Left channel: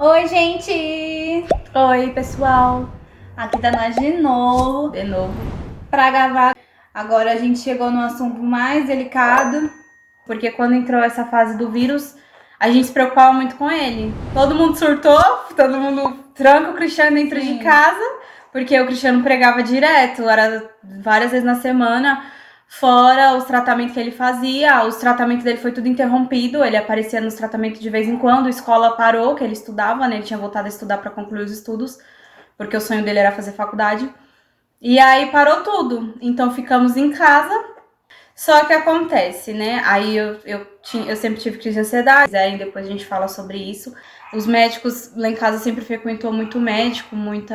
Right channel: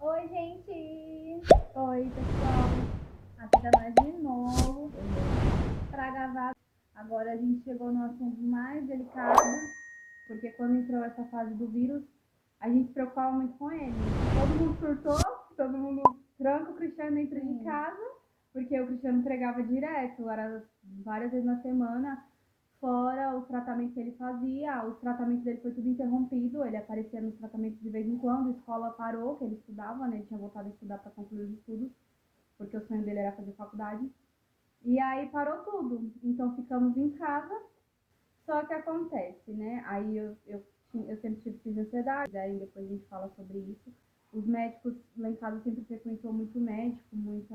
Oi, gente! Oi, pessoal. Aqui tá nós de novo pra gravar. Agora a gente chegou no assunto mais delicado, porque quando entrou essa fase do vírus, a gente se preocupava muito com ele. Todo mundo surtou, todo mundo tranca o Cristiano dentro de casa, porque o Cristiano pregava direto, era várias vezes na semana. Fora os tratamentos que ele fazia, os tratamentos dele foi tudo interrompido, ele aparecia nos tratamentos de vez em quando, a escola parou, que ele estudava, né? Ele tinha voltado a estudar para concluir os estudos, porque o sonho dele era fazer faculdade. E aí parou tudo, então ficamos em casa. Só que acontece, né? Aí eu sempre tive crise de ansiedade, aí depois a gente fala sobre isso. Os médicos lá em casa sempre frequentou muito médico, muito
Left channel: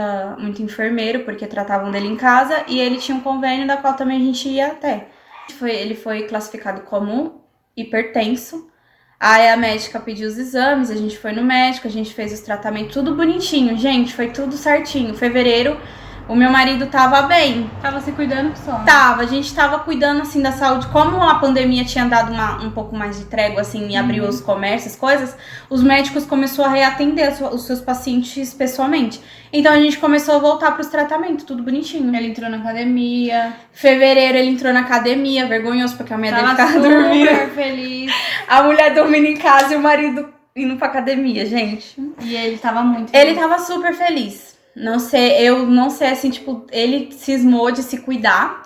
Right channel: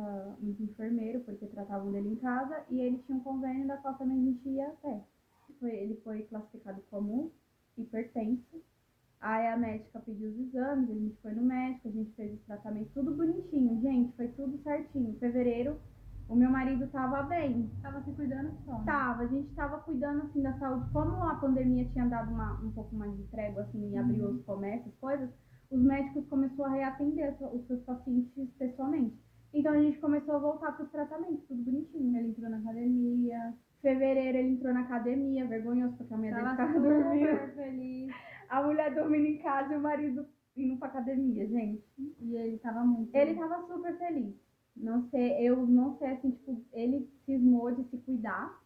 enfermeiro, porque tratavam dele em casa, e ele tinha um convênio da qual também a gente ia até. Ele foi classificado como hipertenso. Aí a médica pediu os exames, a gente foi no médico, a gente fez os tratamentos, tudo bonitinho, gente, foi tudo certinho. Fevereiro, o meu marido tava bem. Tava se cuidando só, né? A gente tava cuidando, assim, da saúde. Como a pandemia tinha dado um pouco mais de trégua, assim, e abriu os comércios, coisas, os médicos começaram a reatender os seus pacientes pessoalmente. Então a gente começou a voltar pros tratamentos, tudo bonitinho. Ele entrou na academia. Fevereiro ele entrou na academia, vergonhoso, porque a mulher dele ficava Tava dormindo. super feliz. A mulher dormindo em casa e o marido indo pra academia, gente. E ele tava muito feliz. Ele tava super feliz. Eu não sei, assim, tipo, ele cismou de se cuidar.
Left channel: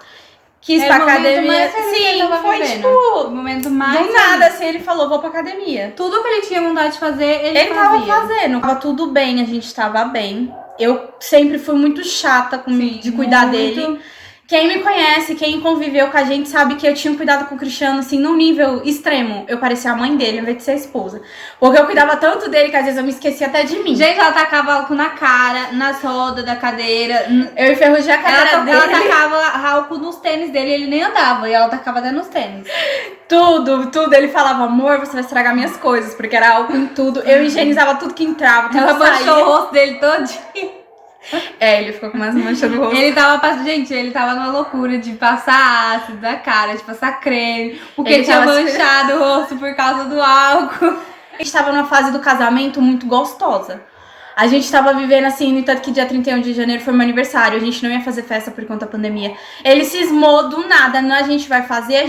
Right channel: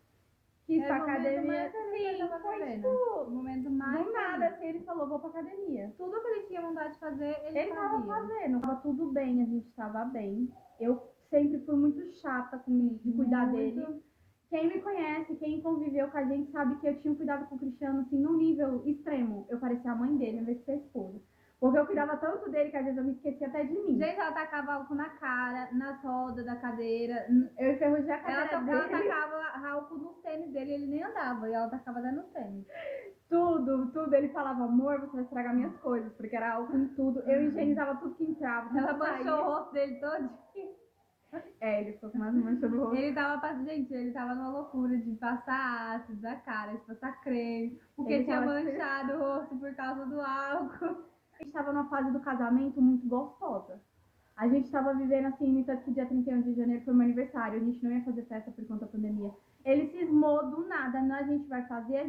Quis pra academia. Sim, foi vivendo. tipo. O momento mais Do nada, assim, ele falou, vou pra academia. Tudo que ele tinha vontade de fazer, ele tava fazia. fazendo. Tava tudo bem, a gente tava bem. Eu sempre fui muito chata de cuidar dele. Quem me conhece, quem conviveu com a gente, sabe que eu tinha cuidado com o Cristiano, assim, num nível extremo. Eu parecia a mãe dele, ao invés de ser a esposa. Porque eu cuidava tanto dele que às vezes eu me esquecia até de mim. Gente, ela tacava álcool na cara, nas rodas da cadeira. Eu enferrujei a cara dele. Ela tacava álcool nos tênis dele, ele nem andava. E ela tacava até nos tênis. Tudo. Ele falava, amor, você vai estragar minhas coisas, porque era álcool em tudo. Eu higienizava tudo que entrava. Ela manchou o rosto dele todinho. Ele ficou com umas manchas no rosto. Ele tava numa loucura de passar ácido na cara, de passar creme, porque Ele tinha tava manchado o rosto por causa do álcool. A gente tava numa fase do casamento muito gostosa. A gente tava vivendo assim, no entanto que dia 31 de janeiro foi meu aniversário, a gente não ia fazer festa por conta da pandemia. Ele cismou do nada, não, a gente vai fazer,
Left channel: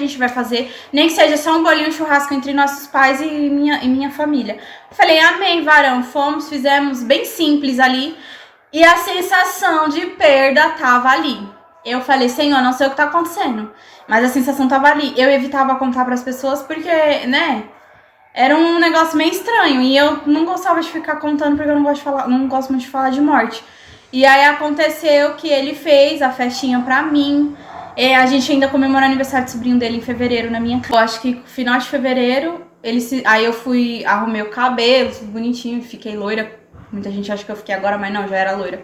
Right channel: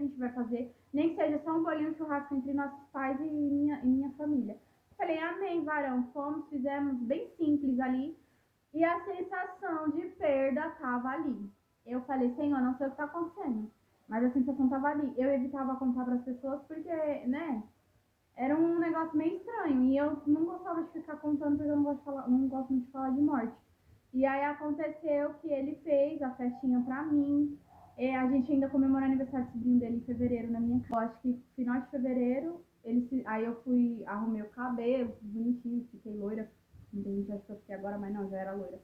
nem que seja só um bolinho, um churrasco entre nossos pais e minha família. Falei, amém, varão, fomos, fizemos bem simples ali. E a sensação de perda tava ali. Eu falei, Senhor, não sei o que tá acontecendo, mas a sensação tava ali. Eu evitava contar pras pessoas porque, né, era um negócio meio estranho. E eu não gostava de ficar contando porque eu não gosto muito de falar de morte. E aí aconteceu que ele fez a festinha pra mim. A gente ainda comemorou o aniversário do sobrinho dele em fevereiro na minha casa. Eu acho que no final de fevereiro, aí eu arrumei o cabelo, tudo bonitinho, fiquei loira. Muita gente acha que eu fiquei agora, mas não, já era loira.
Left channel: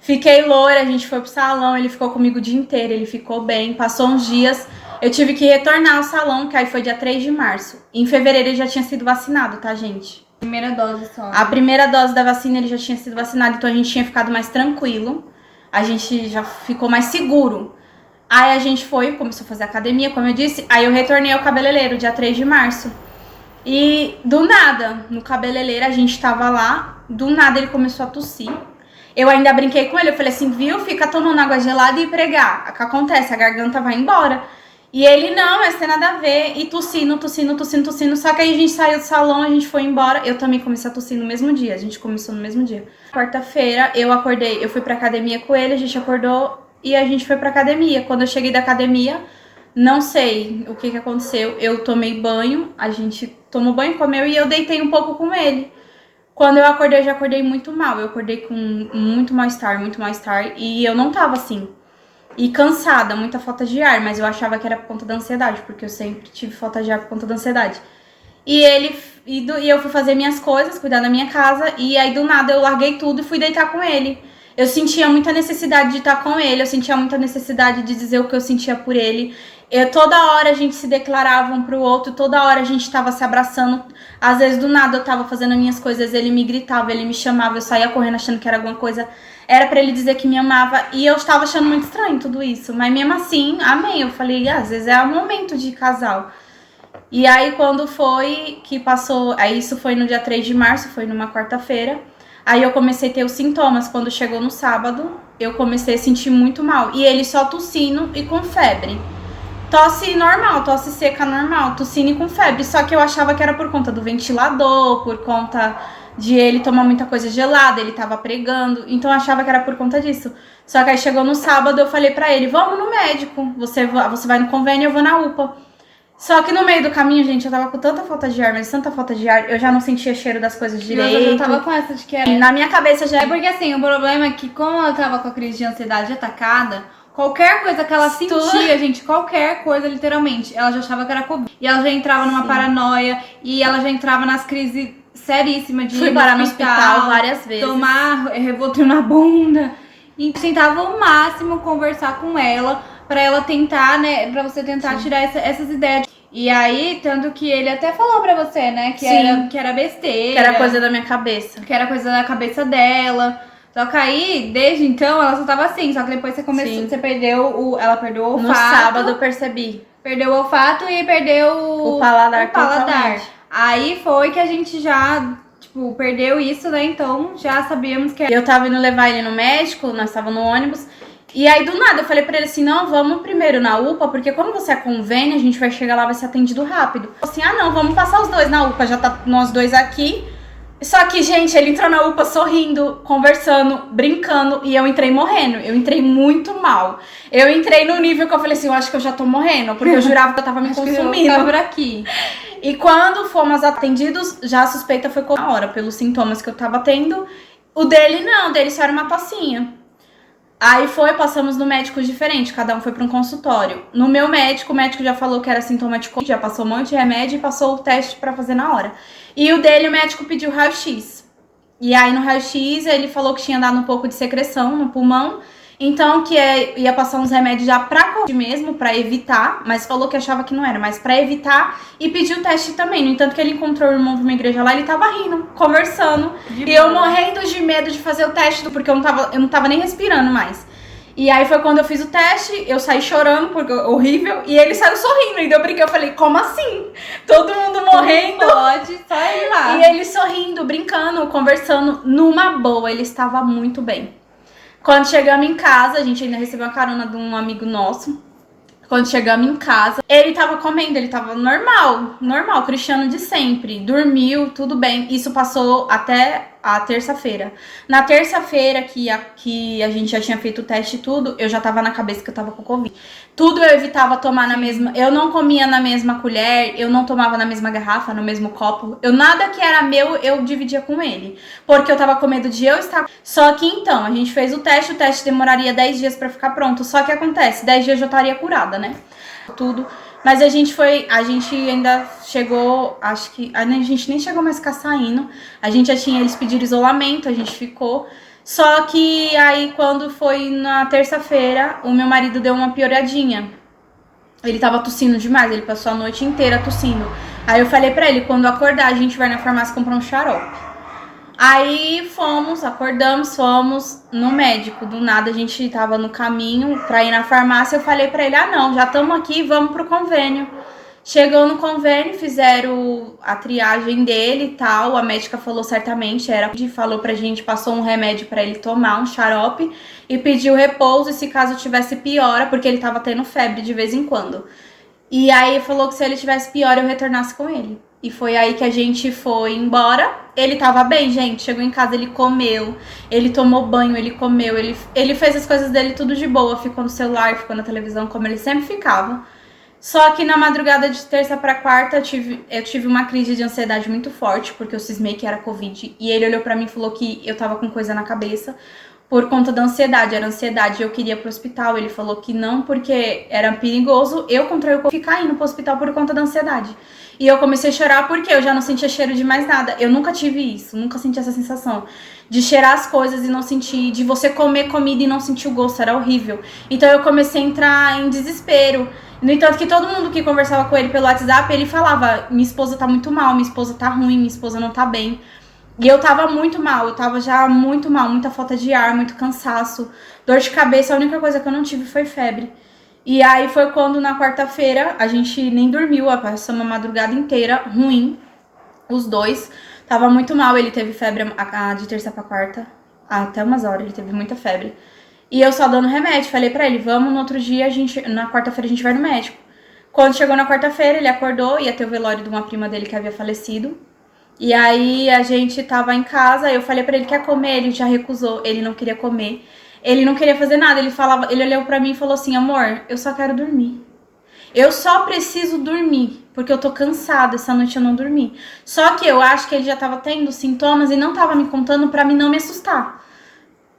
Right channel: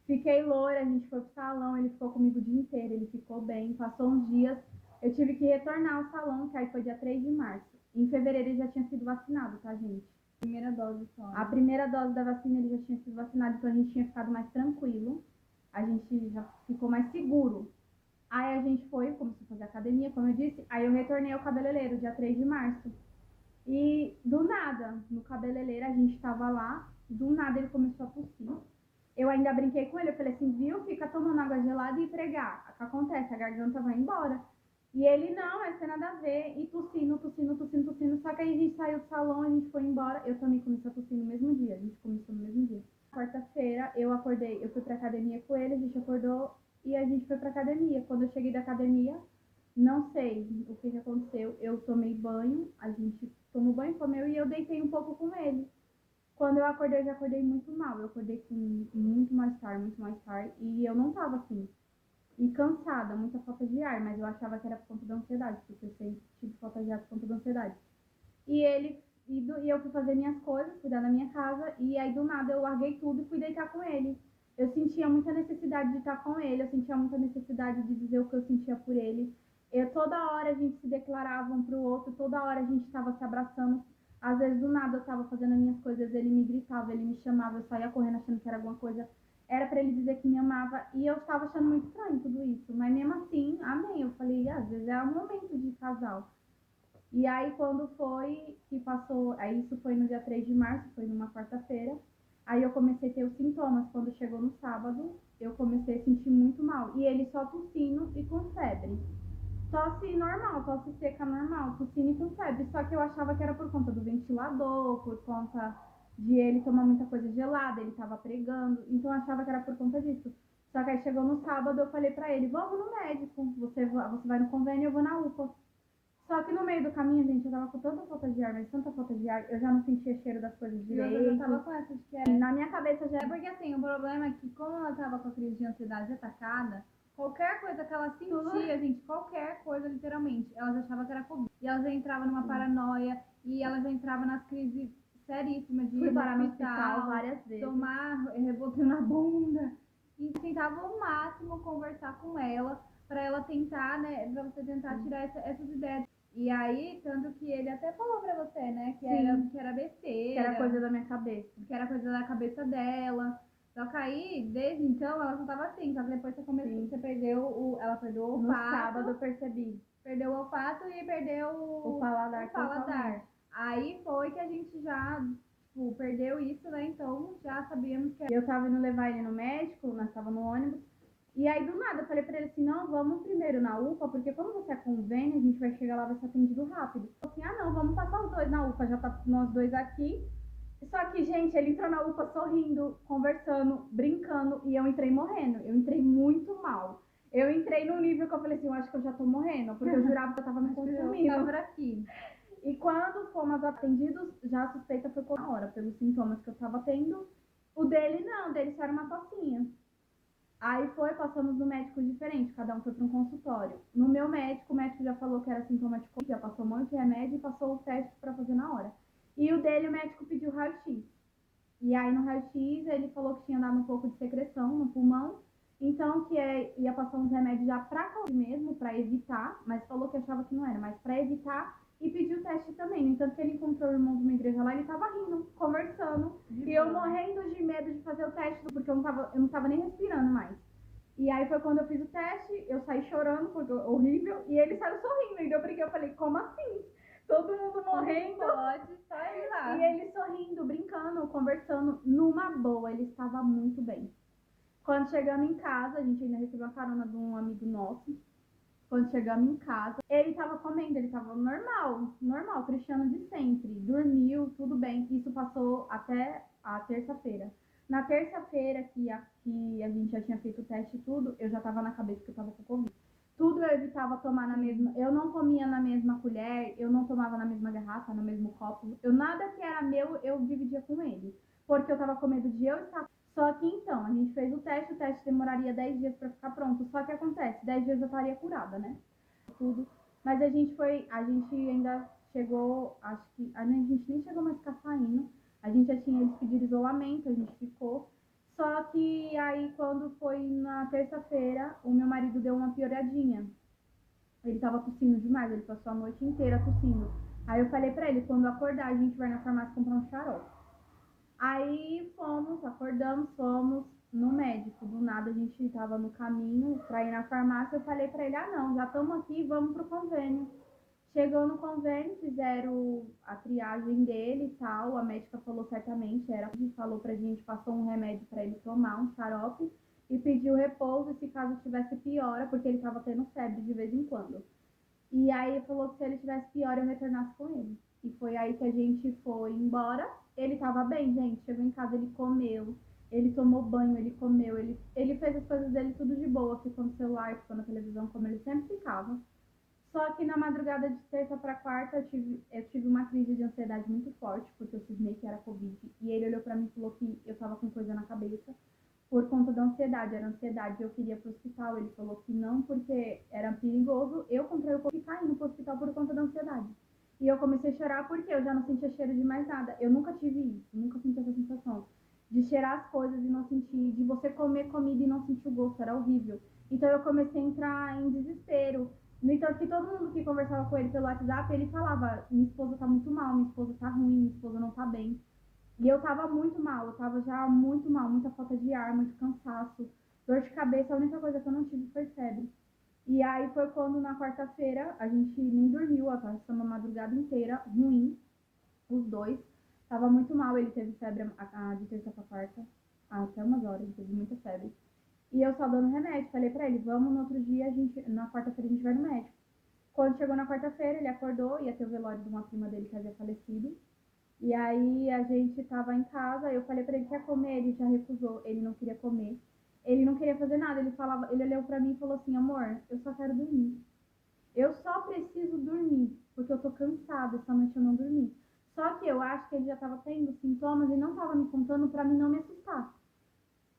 Fiquei loira, a gente foi pro salão, ele ficou comigo o dia inteiro, ele ficou bem. Passou uns dias, eu tive que retornar ao salão, que aí foi dia 3 de março. Em fevereiro ele já tinha sido vacinado, tá, gente? Primeira dose só. A primeira dose da vacina ele já tinha sido vacinado, então a gente tinha ficado mais tranquilo. A gente já ficou mais seguro. Aí a gente começou a fazer academia, como eu disse. Aí eu retornei ao cabeleireiro, dia 3 de março. E do nada, no cabeleireiro, a gente tava lá. Do nada ele começou a tossir. Eu ainda brinquei com ele, eu falei assim, viu? Fica tomando água gelada e pregar. O que acontece? A garganta vai embora. E ele, não, mas tem nada a ver. E tossindo. Só que aí a gente saiu do salão, a gente foi embora. Eu também comecei a tossir no mesmo dia. A gente começou no mesmo dia. Quarta-feira, eu acordei, eu fui pra academia com ele, a gente acordou e a gente foi pra academia. Quando eu cheguei da academia, não sei o que aconteceu. Eu tomei banho, a gente tomou banho, comeu e eu deitei um pouco com ele. Quando eu acordei, eu já acordei muito mal. Eu acordei com muito mal-estar. E eu não tava assim. E cansada, muita falta de ar. Mas eu achava que era por conta da ansiedade, porque eu sempre tive falta de ar por conta da ansiedade. E eu fui fazer minhas coisas, cuidar da minha casa. E aí, do nada, eu larguei tudo e fui deitar com ele. Eu sentia muita necessidade de estar com ele. Eu sentia muita necessidade de dizer o que eu sentia por ele. Toda hora a gente se declarava um pro outro, toda hora a gente tava se abraçando. Às vezes, do nada, eu tava fazendo as minhas coisas, ele me gritava, ele me chamava, eu saía correndo achando que era alguma coisa. Era pra ele dizer que me amava, e eu estava achando muito estranho tudo isso. Mas mesmo assim, amei. Eu falei, às vezes é o momento de casal. E aí, quando foi que passou... Aí, isso foi no dia 3 de março, foi numa quarta-feira. Aí, eu comecei a ter os sintomas. Quando chegou no sábado, eu comecei a sentir muito mal. E ele só tossindo e com febre. Tosse normal, tosse seca normal, tossindo e com febre. Só que eu achava que era por conta do ventilador, por conta de ele tomar muita coisa gelada, ele tava pregando. Então, eu achava que era por conta disso. Só que aí, chegou no sábado, eu falei pra ele, vamos no médico. Você vai no convênio, eu vou na UPA. Só que no meio do caminho, gente, eu tava com tanta falta de ar, mas tanta falta de ar, eu já não sentia cheiro das coisas direito. Eu já tava com essa de que era... E na minha cabeça já... É porque assim, o problema é que como ela tava com a crise de ansiedade atacada, qualquer coisa que ela sentia, gente, qualquer coisa, literalmente, ela já achava que era Covid. E ela já entrava numa paranoia, e ela já entrava nas crises seríssimas de Fui parar no hospital várias vezes. Tomar Revotril na bunda. E tentava ao máximo conversar com ela, pra ela tentar, né, pra você tentar tirar essas ideias. E aí, tanto que ele até falou pra você, né, que era besteira. Que era coisa da minha cabeça. Que era coisa da cabeça dela. Só que aí, desde então, ela só tava assim. Só que depois você começou, você perdeu ela perdeu o olfato. No sábado eu percebi. Perdeu o olfato e perdeu o paladar. Totalmente. Aí foi que a gente já, tipo, perdeu isso, né? Então já sabíamos que... Eu tava indo levar ele no médico, nós tava no ônibus. E aí, do nada, eu falei pra ele assim, não, vamos primeiro na UPA, porque como você é convênio, a gente vai chegar lá, vai ser atendido rápido. Assim, não, vamos passar os dois na UPA, já tá nós dois aqui. Só que, gente, ele entrou na UPA sorrindo, conversando, brincando, e eu entrei morrendo. Eu entrei muito mal. Eu entrei no nível que eu falei assim, eu acho que eu já tô morrendo, porque eu jurava que eu tava me consumindo. Eu por aqui. E quando fomos atendidos, já a suspeita foi na hora, pelos sintomas que eu tava tendo. O dele não, o dele só era uma tossinha. Aí passamos no médico diferente, cada um foi para um consultório. No meu médico, o médico já falou que era sintoma de Covid, já passou um monte de remédio e passou o teste para fazer na hora. E o dele, o médico pediu raio-x. E aí no raio-x ele falou que tinha dado um pouco de secreção no pulmão, então que ia passar uns remédios já pra Covid mesmo, pra evitar, mas falou que achava que não era, mas pra evitar, e pediu o teste também. No entanto que ele encontrou o irmão de uma igreja lá, ele tava rindo, conversando, e eu morrendo de medo de fazer o teste, porque eu não tava nem respirando mais. E aí foi quando eu fiz o teste, eu saí chorando, porque horrível, e ele saiu sorrindo, e eu brinquei, eu falei, como assim? Todo mundo morrendo. Pode, só ir lá. E ele sorrindo, brincando, conversando, numa boa, ele estava muito bem. Quando chegamos em casa, a gente ainda recebeu a carona de um amigo nosso. Quando chegamos em casa, ele tava comendo, ele tava normal, Cristiano de sempre. Dormiu, tudo bem. Isso passou até a terça-feira. Na terça-feira que a gente já tinha feito o teste e tudo, eu já tava na cabeça que eu tava com Covid. Tudo eu evitava tomar na mesma... Eu não comia na mesma colher, eu não tomava na mesma garrafa, no mesmo copo. Nada que era meu, eu dividia com ele. Porque eu tava com medo de eu estar... Só que então, a gente fez o teste demoraria 10 dias pra ficar pronto. Só que acontece, 10 dias eu já estaria curada, né? Tudo. Mas a gente ainda chegou, acho que... A gente nem chegou mais a ficar saindo. A gente já tinha, eles pediram isolamento, a gente ficou... Só que aí, quando foi na terça-feira, o meu marido deu uma pioradinha. Ele tava tossindo demais, ele passou a noite inteira tossindo. Aí eu falei pra ele, quando acordar, a gente vai na farmácia comprar um xarope. Aí acordamos, fomos no médico. Do nada, a gente tava no caminho pra ir na farmácia. Eu falei pra ele, não, já estamos aqui, vamos pro convênio. Chegou no convênio, fizeram a triagem dele e tal. A médica falou certamente, falou pra gente, passou um remédio pra ele tomar, um xarope, e pediu repouso, e se caso tivesse piora, porque ele tava tendo febre de vez em quando. E aí falou que se ele tivesse piora, eu retornasse com ele. E foi aí que a gente foi embora. Ele tava bem, gente. Chegou em casa, ele comeu, ele tomou banho, ele comeu, ele fez as coisas dele tudo de boa, ficou no celular, ficou na televisão, como ele sempre ficava. Só que na madrugada de terça pra quarta eu tive uma crise de ansiedade muito forte, porque eu cismei que era Covid. E ele olhou pra mim e falou que eu tava com coisa na cabeça por conta da ansiedade. Era ansiedade, eu queria ir pro hospital. Ele falou que não, porque era perigoso eu contrair o Covid, ficar indo pro hospital por conta da ansiedade. E eu comecei a chorar porque eu já não sentia cheiro de mais nada. Eu nunca tive isso, nunca senti essa sensação de cheirar as coisas e não sentir, de você comer comida e não sentir o gosto, era horrível. Então eu comecei a entrar em desespero. No entanto que todo mundo que conversava com ele pelo WhatsApp, ele falava, minha esposa tá muito mal, minha esposa tá ruim, minha esposa não tá bem. E eu tava muito mal, eu tava já muito mal, muita falta de ar, muito cansaço, dor de cabeça, a única coisa que eu não tive foi febre. E aí foi quando na quarta-feira a gente nem dormiu, passamos a madrugada inteira ruim, os dois. Tava muito mal, ele teve febre de terça pra quarta, até umas horas, ele teve muita febre. E eu só dando remédio, falei pra ele, vamos no outro dia, na quarta-feira a gente vai no médico. Quando chegou na quarta-feira, ele acordou, ia ter o velório de uma prima dele que havia falecido. E aí a gente tava em casa, eu falei pra ele, quer comer? Ele já recusou, ele não queria comer. Ele não queria fazer nada, ele olhou pra mim e falou assim, amor, eu só quero dormir. Eu só preciso dormir, porque eu tô cansada, essa noite eu não dormi. Só que eu acho que ele já tava tendo sintomas e não tava me contando pra mim não me assustar.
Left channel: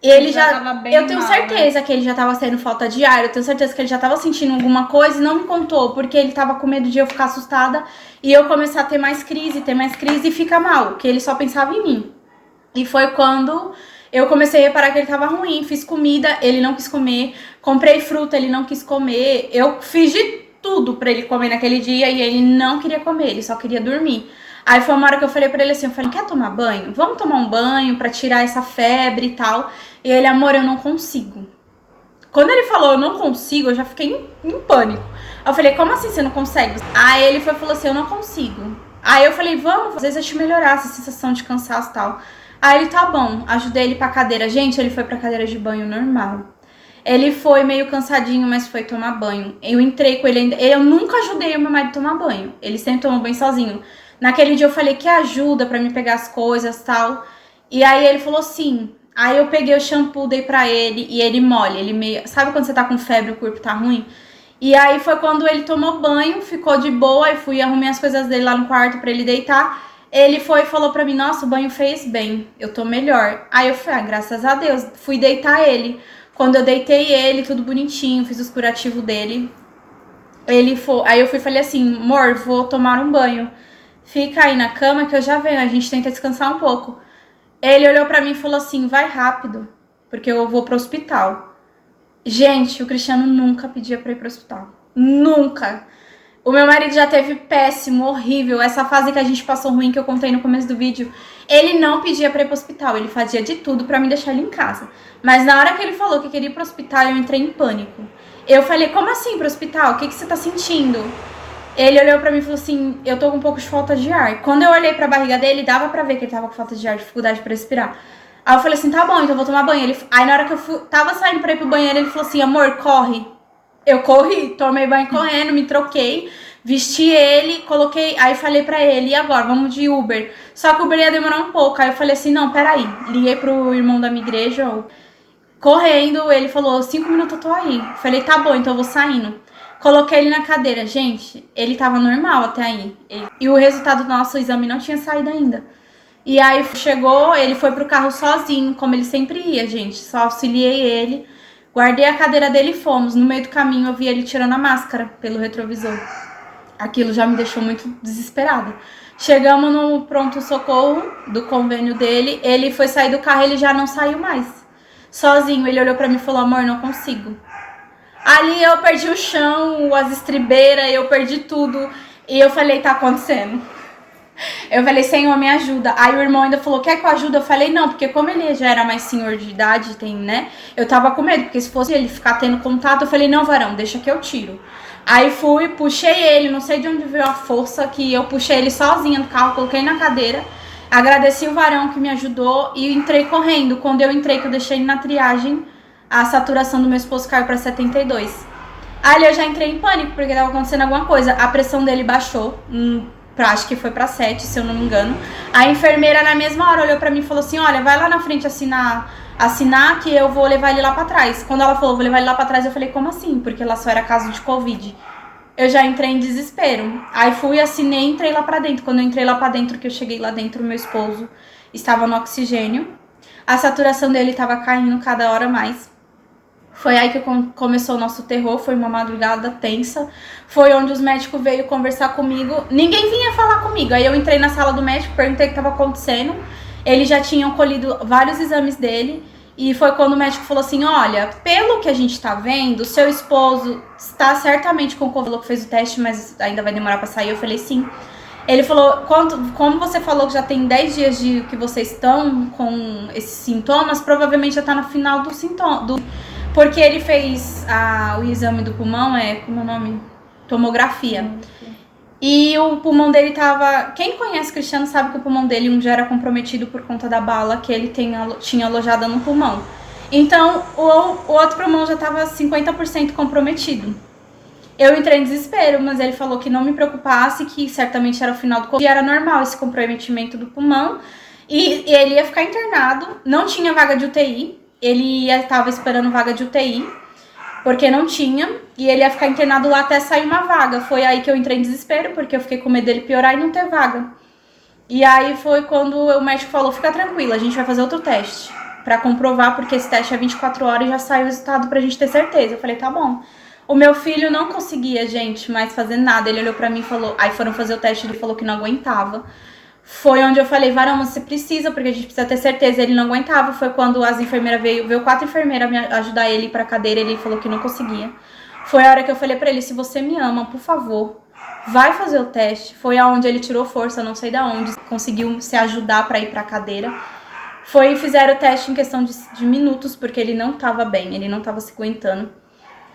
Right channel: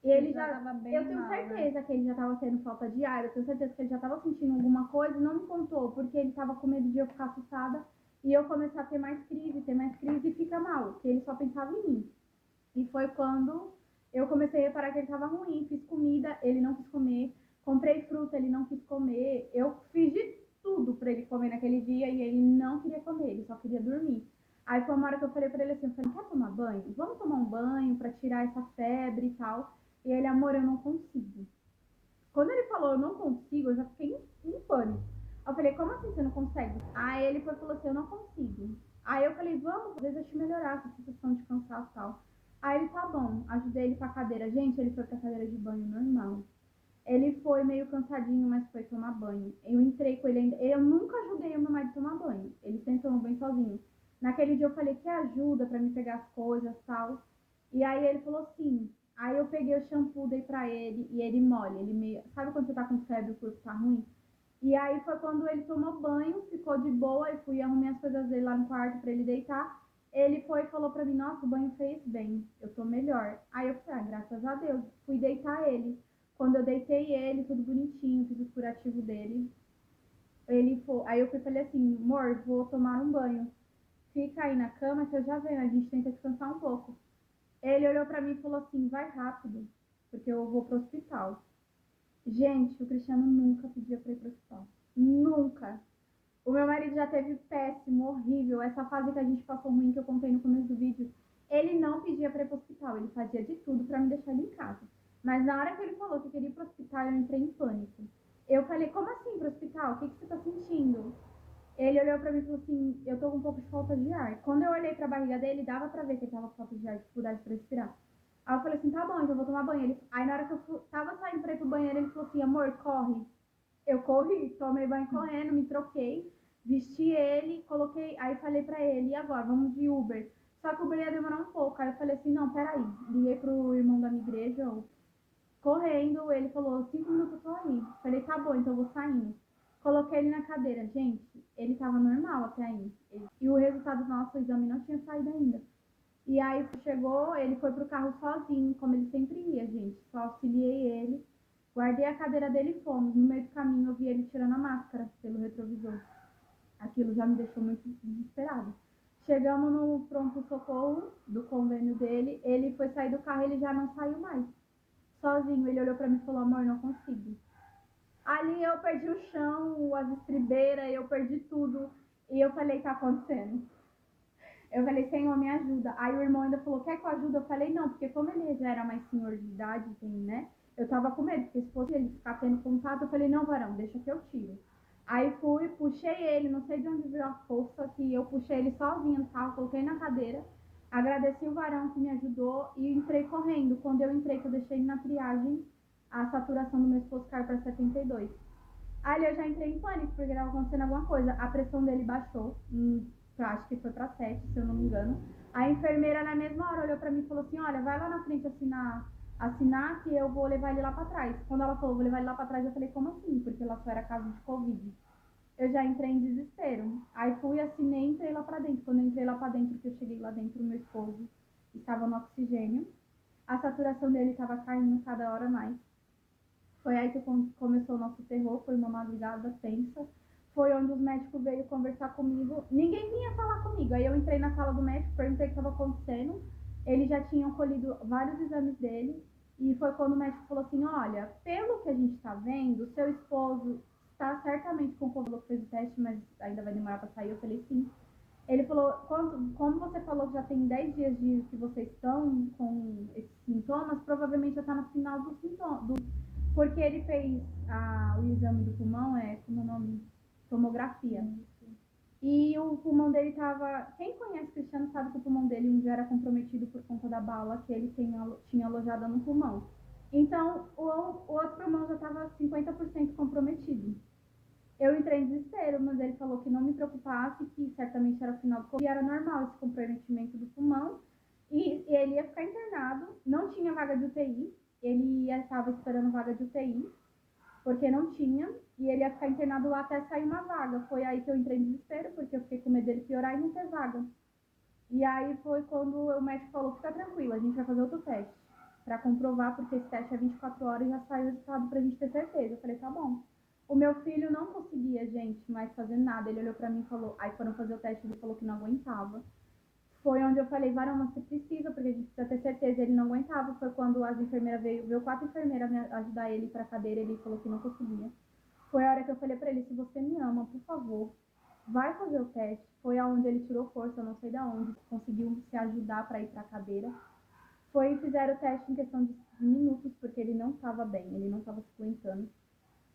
Ele já tava bem eu tenho mal, certeza que ele já tava sendo falta de ar, eu tenho certeza que ele já tava sentindo alguma coisa e não me contou, porque ele tava com medo de eu ficar assustada e eu começar a ter mais crise e ficar mal, que ele só pensava em mim. E foi quando eu comecei a reparar que ele tava ruim, fiz comida, ele não quis comer, comprei fruta, ele não quis comer, eu fiz de tudo pra ele comer naquele dia e ele não queria comer, ele só queria dormir. Aí foi uma hora que eu falei pra ele assim, eu falei, quer tomar banho? Vamos tomar um banho pra tirar essa febre e tal. E ele, amor, eu não consigo. Quando ele falou, eu não consigo, eu já fiquei em pânico. Eu falei, como assim você não consegue? Aí ele falou assim, eu não consigo. Aí eu falei, vamos, às vezes eu te melhorar essa sensação de cansaço e tal. Aí ele, tá bom, ajudei ele pra cadeira. Gente, ele foi pra cadeira de banho normal. Ele foi meio cansadinho, mas foi tomar banho. Eu entrei com ele ainda. Eu nunca ajudei o meu marido a tomar banho. Ele sempre tomou banho sozinho. Naquele dia eu falei que ajuda pra me pegar as coisas e tal. E aí ele falou sim. Aí eu peguei o shampoo, dei pra ele e ele mole. Ele meio. Sabe quando você tá com febre e o corpo tá ruim? E aí foi quando ele tomou banho, ficou de boa. E fui arrumar as coisas dele lá no quarto pra ele deitar. Ele foi e falou pra mim, nossa, o banho fez bem, eu tô melhor. Aí eu falei, graças a Deus, fui deitar ele. Quando eu deitei ele, tudo bonitinho, fiz os curativos dele. Ele foi, aí eu fui e falei assim, amor, vou tomar um banho. Fica aí na cama que eu já venho, a gente tenta descansar um pouco. Ele olhou pra mim e falou assim, vai rápido, porque eu vou pro hospital. Gente, o Cristiano nunca pedia pra ir pro hospital. Nunca. O meu marido já teve péssimo, horrível, essa fase que a gente passou ruim, que eu contei no começo do vídeo. Ele não pedia pra ir pro hospital, ele fazia de tudo pra me deixar ele em casa. Mas na hora que ele falou que queria ir pro hospital, eu entrei em pânico. Eu falei, como assim pro hospital? O que você tá sentindo? Ele olhou pra mim e falou assim, eu tô com um pouco de falta de ar. Quando eu olhei pra barriga dele, dava pra ver que ele tava com falta de ar, dificuldade pra respirar. Aí eu falei assim, tá bom, então eu vou tomar banho. Aí na hora que eu tava saindo pra ir pro banheiro, ele falou assim, amor, corre. Eu corri, tomei banho correndo, me troquei, vesti ele, coloquei, aí falei pra ele, e agora, vamos de Uber. Só que o Uber ia demorar um pouco, aí eu falei assim, não, peraí. Liguei pro irmão da minha igreja, correndo, ele falou, 5 minutos eu tô aí. Falei, tá bom, então eu vou saindo. Coloquei ele na cadeira, gente, ele tava normal até aí. E o resultado do nosso exame não tinha saído ainda. E aí chegou, ele foi pro carro sozinho, como ele sempre ia, gente. Só auxiliei ele, guardei a cadeira dele e fomos. No meio do caminho eu vi ele tirando a máscara pelo retrovisor. Aquilo já me deixou muito desesperada. Chegamos no pronto-socorro do convênio dele, ele foi sair do carro, ele já não saiu mais. Sozinho, ele olhou pra mim e falou, amor, não consigo. Ali eu perdi o chão, as estribeiras, eu perdi tudo. E eu falei, tá acontecendo. Eu falei, Senhor, me ajuda. Aí o irmão ainda falou, quer que eu ajude? Eu falei, não, porque como ele já era mais senhor de idade, tem, né? Eu tava com medo, porque se fosse ele ficar tendo contato, eu falei, não, varão, deixa que eu tiro. Aí fui, puxei ele, não sei de onde veio a força, que eu puxei ele sozinha no carro, coloquei na cadeira. Agradeci o varão que me ajudou e entrei correndo. Quando eu entrei, que eu deixei ele na triagem, a saturação do meu esposo caiu pra 72. Ali eu já entrei em pânico, porque tava acontecendo alguma coisa. A pressão dele baixou, acho que foi pra 7, se eu não me engano. A enfermeira na mesma hora olhou pra mim e falou assim, olha, vai lá na frente assinar que eu vou levar ele lá pra trás. Quando ela falou, vou levar ele lá pra trás, eu falei, como assim? Porque lá só era caso de Covid. Eu já entrei em desespero. Aí fui, assinei e entrei lá pra dentro. Quando eu entrei lá pra dentro, que eu cheguei lá dentro, meu esposo estava no oxigênio. A saturação dele tava caindo cada hora mais. Foi aí que começou o nosso terror, foi uma madrugada tensa. Foi onde os médicos veio conversar comigo. Ninguém vinha falar comigo. Aí eu entrei na sala do médico, perguntei o que estava acontecendo. Eles já tinham colhido vários exames dele. E foi quando o médico falou assim, olha, pelo que a gente tá vendo, seu esposo está certamente com o Covid, que fez o teste, mas ainda vai demorar para sair. Eu falei, sim. Ele falou, como você falou que já tem 10 dias de que vocês estão com esses sintomas, provavelmente já tá no final do sintoma, Porque ele fez o exame do pulmão, como é o nome? Tomografia. E o pulmão dele tava... Quem conhece o Cristiano sabe que o pulmão dele já era comprometido por conta da bala que ele tinha alojada no pulmão. Então, o outro pulmão já tava 50% comprometido. Eu entrei em desespero, mas ele falou que não me preocupasse, que certamente era o final do Covid, e era normal esse comprometimento do pulmão. E ele ia ficar internado, não tinha vaga de UTI, ele estava esperando vaga de UTI, porque não tinha, e ele ia ficar internado lá até sair uma vaga. Foi aí que eu entrei em desespero, porque eu fiquei com medo dele piorar e não ter vaga. E aí foi quando o médico falou, fica tranquila, a gente vai fazer outro teste pra comprovar, porque esse teste é 24 horas e já sai o resultado pra gente ter certeza. Eu falei, tá bom. O meu filho não conseguia, gente, mais fazer nada. Ele olhou pra mim e falou, aí foram fazer o teste, ele falou que não aguentava. Foi onde eu falei, Varão, você precisa, porque a gente precisa ter certeza. Ele não aguentava. Foi quando as enfermeiras veio 4 enfermeiras me ajudar ele pra cadeira. Ele falou que não conseguia. Foi a hora que eu falei pra ele, se você me ama, por favor, vai fazer o teste. Foi aonde ele tirou força, não sei de onde, conseguiu se ajudar pra ir pra cadeira. Fizeram o teste em questão de minutos, porque ele não tava bem, ele não tava se aguentando.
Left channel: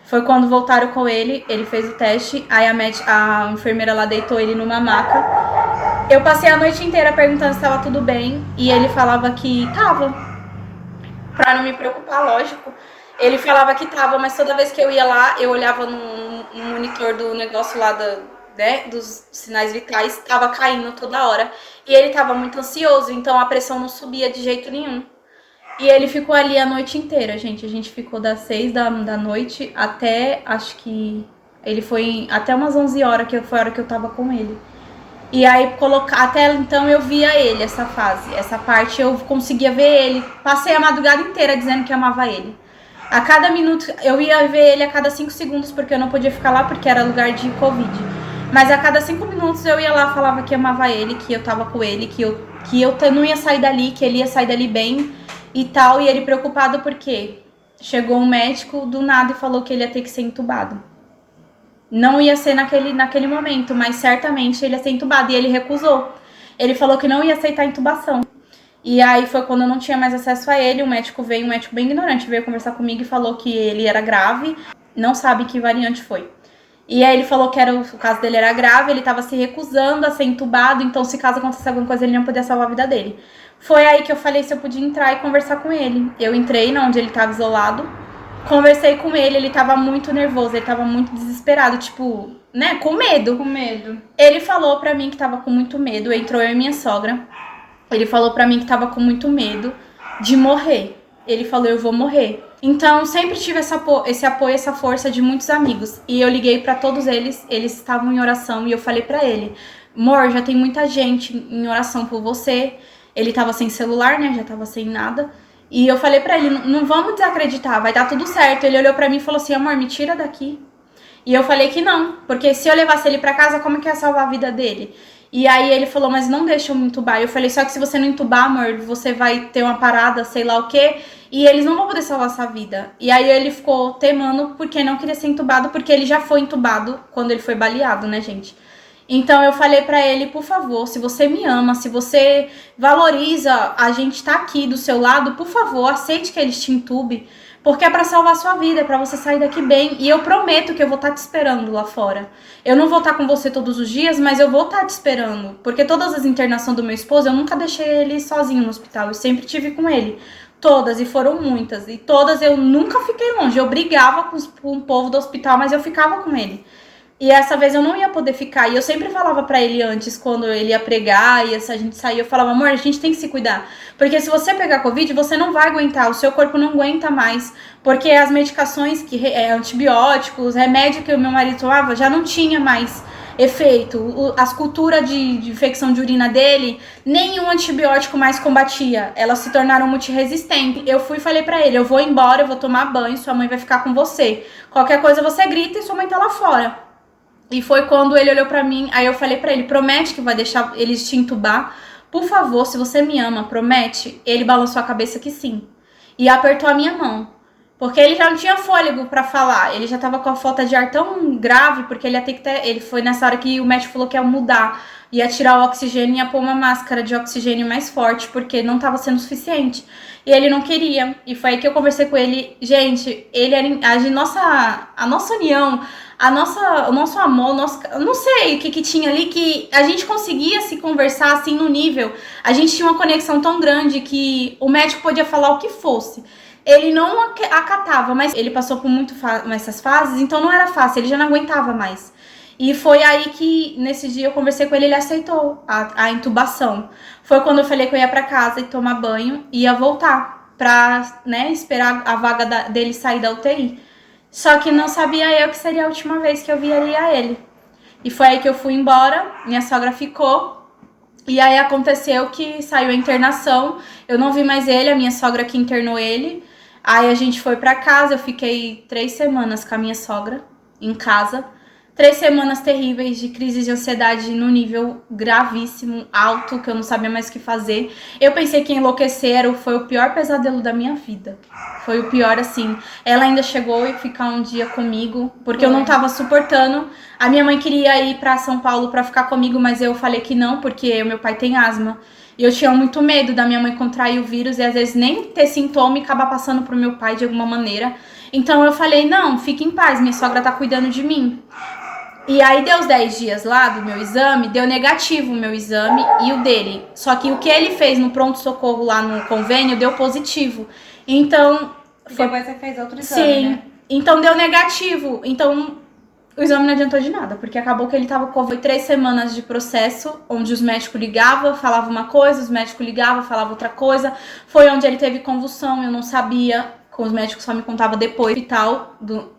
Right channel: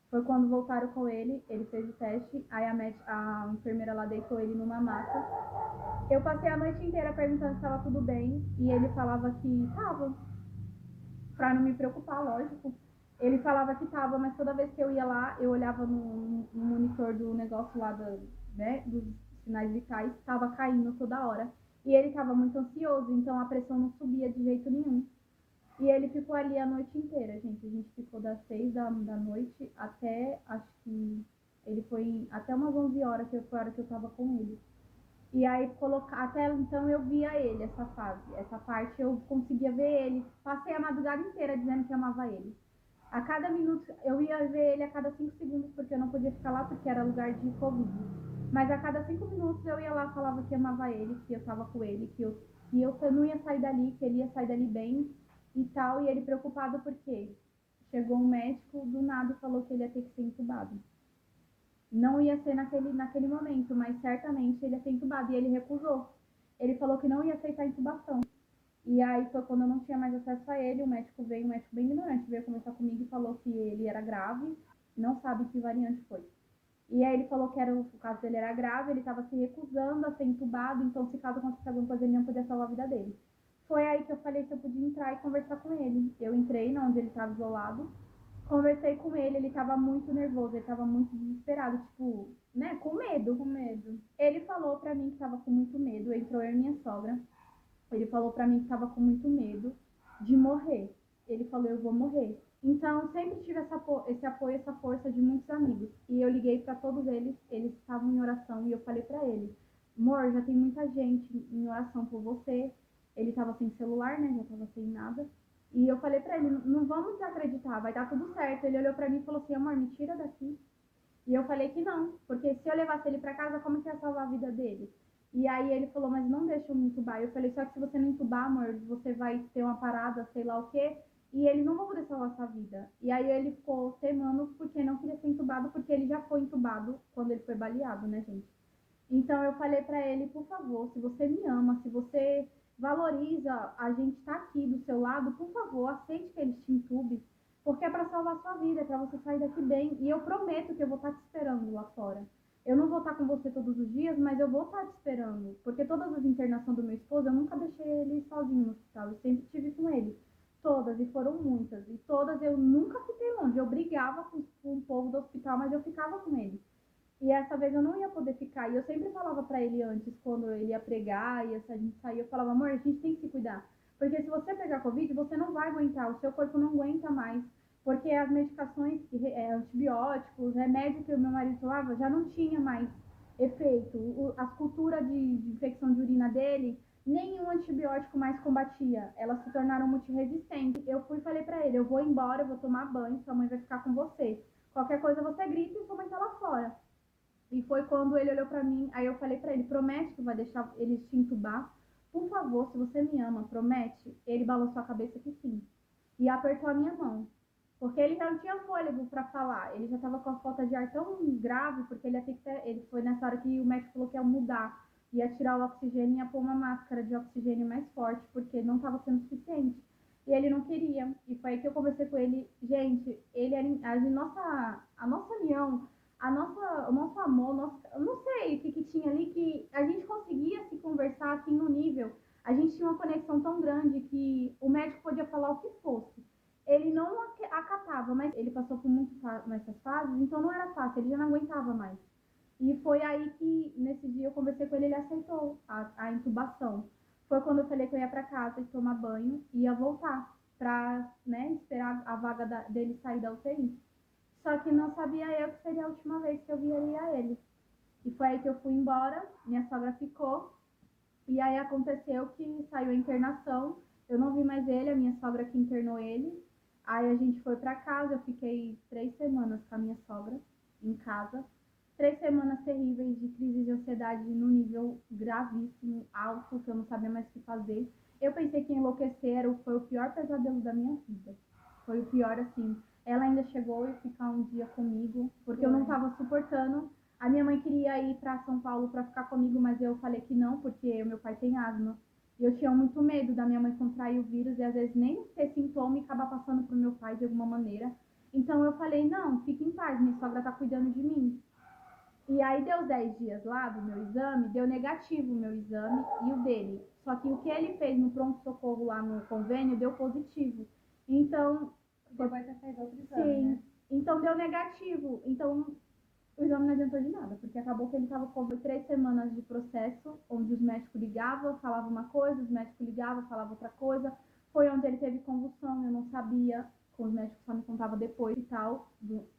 Foi quando voltaram com ele fez o teste, aí a enfermeira lá deitou ele numa maca. Eu passei a noite inteira perguntando se estava tudo bem e ele falava que tava. Pra não me preocupar, lógico. Ele falava que tava, mas toda vez que eu ia lá, eu olhava no monitor do negócio lá dos sinais vitais, tava caindo toda hora. E ele tava muito ansioso, então a pressão não subia de jeito nenhum. E ele ficou ali a noite inteira, gente. A gente ficou das 6 da noite até, acho que... Ele foi até umas 11 horas, que foi a hora que eu tava com ele. E aí, até então eu via ele, essa fase. Essa parte eu conseguia ver ele. Passei a madrugada inteira dizendo que amava ele. A cada minuto, eu ia ver ele a cada 5 segundos, porque eu não podia ficar lá, porque era lugar de Covid. Mas a cada 5 minutos eu ia lá, falava que amava ele, que eu tava com ele, que eu não ia sair dali, que ele ia sair dali bem e tal. E ele preocupado porque chegou um médico do nada e falou que ele ia ter que ser entubado. Não ia ser naquele momento, mas certamente ele ia ser entubado. E ele recusou. Ele falou que não ia aceitar a intubação. E aí foi quando eu não tinha mais acesso a ele. Um médico bem ignorante, veio conversar comigo e falou que ele era grave. Não sabe que variante foi. E aí ele falou que o caso dele era grave, ele tava se recusando a ser entubado. Então se caso acontecesse alguma coisa, ele não podia salvar a vida dele. Foi aí que eu falei se eu podia entrar e conversar com ele. Eu entrei onde ele tava isolado. Conversei com ele tava muito nervoso, ele tava muito desesperado, tipo, né, com medo. Com medo. Ele falou pra mim que tava com muito medo, entrou eu e minha sogra. Ele falou pra mim que tava com muito medo de morrer. Ele falou, eu vou morrer. Então, sempre tive esse apoio, essa força de muitos amigos. E eu liguei pra todos eles estavam em oração e eu falei pra ele, amor, já tem muita gente em oração por você. Ele tava sem celular, né, já tava sem nada. E eu falei pra ele, não vamos desacreditar, vai dar tudo certo. Ele olhou pra mim e falou assim, amor, me tira daqui. E eu falei que não, porque se eu levasse ele pra casa, como que ia salvar a vida dele? E aí ele falou, mas não deixa eu me entubar. Eu falei, só que se você não entubar, amor, você vai ter uma parada, sei lá o quê, e eles não vão poder salvar sua vida. E aí ele ficou temando porque não queria ser entubado, porque ele já foi entubado quando ele foi baleado, né, gente? Então eu falei pra ele, por favor, se você me ama, se você valoriza a gente tá aqui do seu lado, por favor, aceite que eles te entubem, porque é pra salvar sua vida, é pra você sair daqui bem. E eu prometo que eu vou estar te esperando lá fora. Eu não vou estar com você todos os dias, mas eu vou estar te esperando, porque todas as internações do meu esposo, eu nunca deixei ele sozinho no hospital, eu sempre tive com ele. Todas, e foram muitas, e todas eu nunca fiquei longe, eu brigava com o povo do hospital, mas eu ficava com ele. E essa vez eu não ia poder ficar. E eu sempre falava pra ele antes, quando ele ia pregar e a gente saía, eu falava, amor, a gente tem que se cuidar. Porque se você pegar Covid, você não vai aguentar, o seu corpo não aguenta mais. Porque as medicações, antibióticos, remédio que o meu marido tomava, já não tinha mais efeito. As culturas de infecção de urina dele, nenhum antibiótico mais combatia. Elas se tornaram multiresistentes. Eu fui e falei pra ele, eu vou embora, eu vou tomar banho, sua mãe vai ficar com você. Qualquer coisa você grita e sua mãe tá lá fora. E foi quando ele olhou pra mim, aí eu falei pra ele, promete que vai deixar eles te entubar? Por favor, se você me ama, promete? Ele balançou a cabeça que sim. E apertou a minha mão. Porque ele já não tinha fôlego pra falar. Ele já tava com a falta de ar tão grave, porque ele ia ter que ter... Ele foi nessa hora que o médico falou que ia mudar. Ia tirar o oxigênio e ia pôr uma máscara de oxigênio mais forte, porque não tava sendo suficiente. E ele não queria. E foi aí que eu conversei com ele. Gente, ele era... A nossa união, o nosso amor, eu não sei o que tinha ali, que a gente conseguia se conversar assim no nível. A gente tinha uma conexão tão grande que o médico podia falar o que fosse. Ele não acatava, mas ele passou por essas fases, então não era fácil, ele já não aguentava mais. E foi aí que, nesse dia, eu conversei com ele, ele aceitou a intubação. Foi quando eu falei que eu ia pra casa e tomar banho e ia voltar pra, né, esperar a vaga dele sair da UTI. Só que não sabia eu que seria a última vez que eu viria ele. E foi aí que eu fui embora, minha sogra ficou. E aí aconteceu que saiu a internação, eu não vi mais ele, a minha sogra que internou ele. Aí a gente foi pra casa, eu fiquei 3 semanas com a minha sogra em casa. 3 semanas terríveis de crise de ansiedade no nível gravíssimo, alto, que eu não sabia mais o que fazer. Eu pensei que enlouquecer foi o pior pesadelo da minha vida. Foi o pior, assim. Ela ainda chegou e ficar um dia comigo, porque eu não tava suportando. A minha mãe queria ir pra São Paulo pra ficar comigo, mas eu falei que não, porque o meu pai tem asma. E eu tinha muito medo da minha mãe contrair o vírus e às vezes nem ter sintoma e acabar passando pro meu pai de alguma maneira. Então eu falei, não, fique em paz, minha sogra tá cuidando de mim. E aí deu os 10 dias lá do meu exame, deu negativo o meu exame e o dele. Só que o que ele fez no pronto-socorro lá no convênio deu positivo. Então... Depois você fez outro exame, sim, né? então deu negativo. Então o exame não adiantou de nada, porque acabou que ele tava com 3 semanas de processo, onde os médicos ligavam, falavam uma coisa, os médicos ligavam, falavam outra coisa. Foi onde ele teve convulsão, eu não sabia, com os médicos só me contavam depois e tal,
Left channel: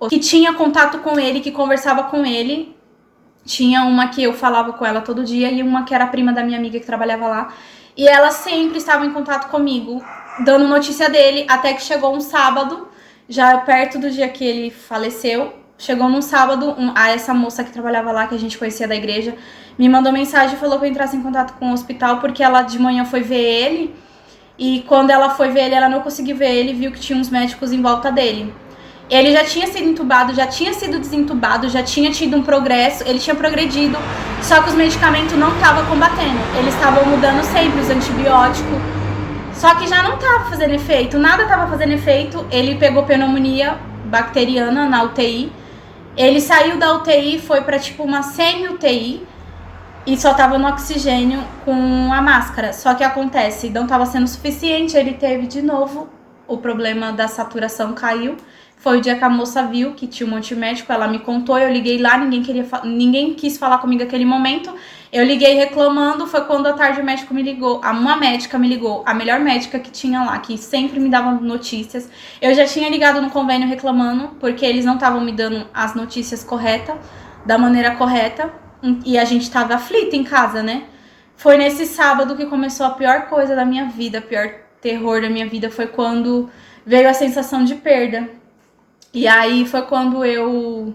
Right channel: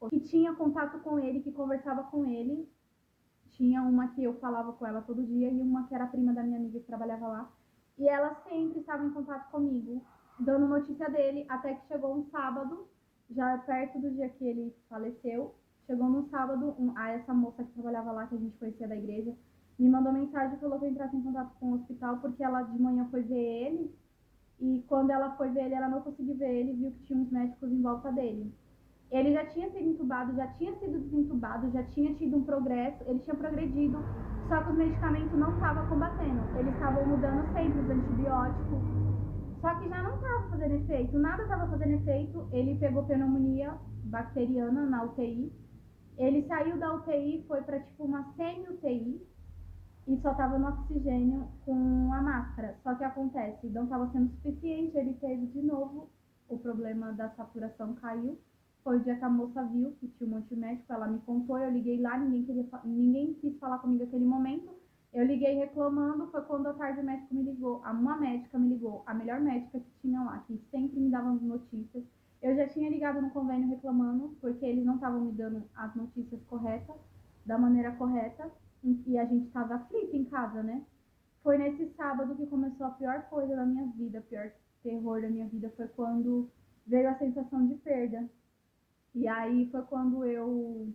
que tinha contato com ele, que conversava com ele. Tinha uma que eu falava com ela todo dia e uma que era prima da minha amiga que trabalhava lá. E ela sempre estava em contato comigo, dando notícia dele, até que chegou um sábado, já perto do dia que ele faleceu. Chegou num sábado, essa moça que trabalhava lá, que a gente conhecia da igreja, me mandou mensagem e falou que eu entrasse em contato com o hospital, porque ela de manhã foi ver ele, e quando ela foi ver ele, ela não conseguiu ver ele, viu que tinha uns médicos em volta dele. Ele já tinha sido entubado, já tinha sido desentubado, já tinha tido um progresso, ele tinha progredido, só que os medicamentos não estavam combatendo, eles estavam mudando sempre os antibióticos, só que já não estava fazendo efeito, nada estava fazendo efeito. Ele pegou pneumonia bacteriana na UTI, ele saiu da UTI, foi pra tipo uma semi-UTI e só tava no oxigênio com a máscara. Só que acontece, não tava sendo suficiente, ele teve de novo o problema da saturação, caiu. Foi o dia que a moça viu que tinha um monte de médico, ela me contou, eu liguei lá, ninguém quis falar comigo naquele momento. Eu liguei reclamando, foi quando à tarde o médico me ligou, uma médica me ligou, a melhor médica que tinha lá, que sempre me dava notícias. Eu já tinha ligado no convênio reclamando, porque eles não estavam me dando as notícias corretas, da maneira correta, e a gente tava aflita em casa, né? Foi nesse sábado que começou a pior coisa da minha vida, o pior terror da minha vida, foi quando veio a sensação de perda. E aí foi quando eu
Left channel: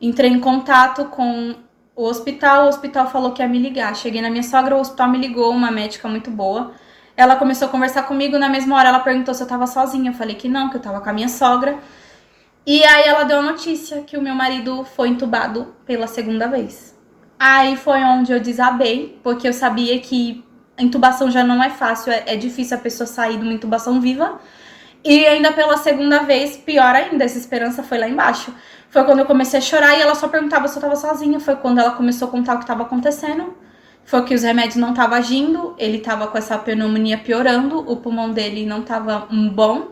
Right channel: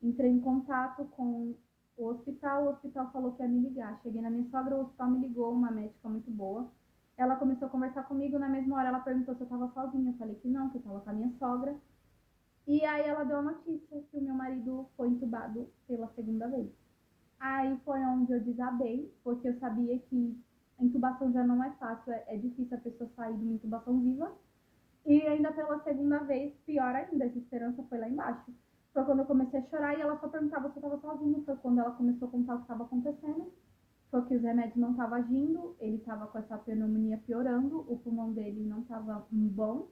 entrei em contato com o hospital falou que ia me ligar. Cheguei na minha sogra, o hospital me ligou, uma médica muito boa. Ela começou a conversar comigo, na mesma hora ela perguntou se eu tava sozinha. Eu falei que não, que eu tava com a minha sogra. E aí ela deu a notícia que o meu marido foi entubado pela 2ª vez. Aí foi onde eu desabei, porque eu sabia que a intubação já não é fácil, é difícil a pessoa sair de uma intubação viva. E ainda pela 2ª vez, pior ainda, essa esperança foi lá embaixo. Foi quando eu comecei a chorar e ela só perguntava se eu tava sozinha. Foi quando ela começou a contar o que tava acontecendo. Foi que os remédios não estavam agindo, ele tava com essa pneumonia piorando, o pulmão dele não tava bom,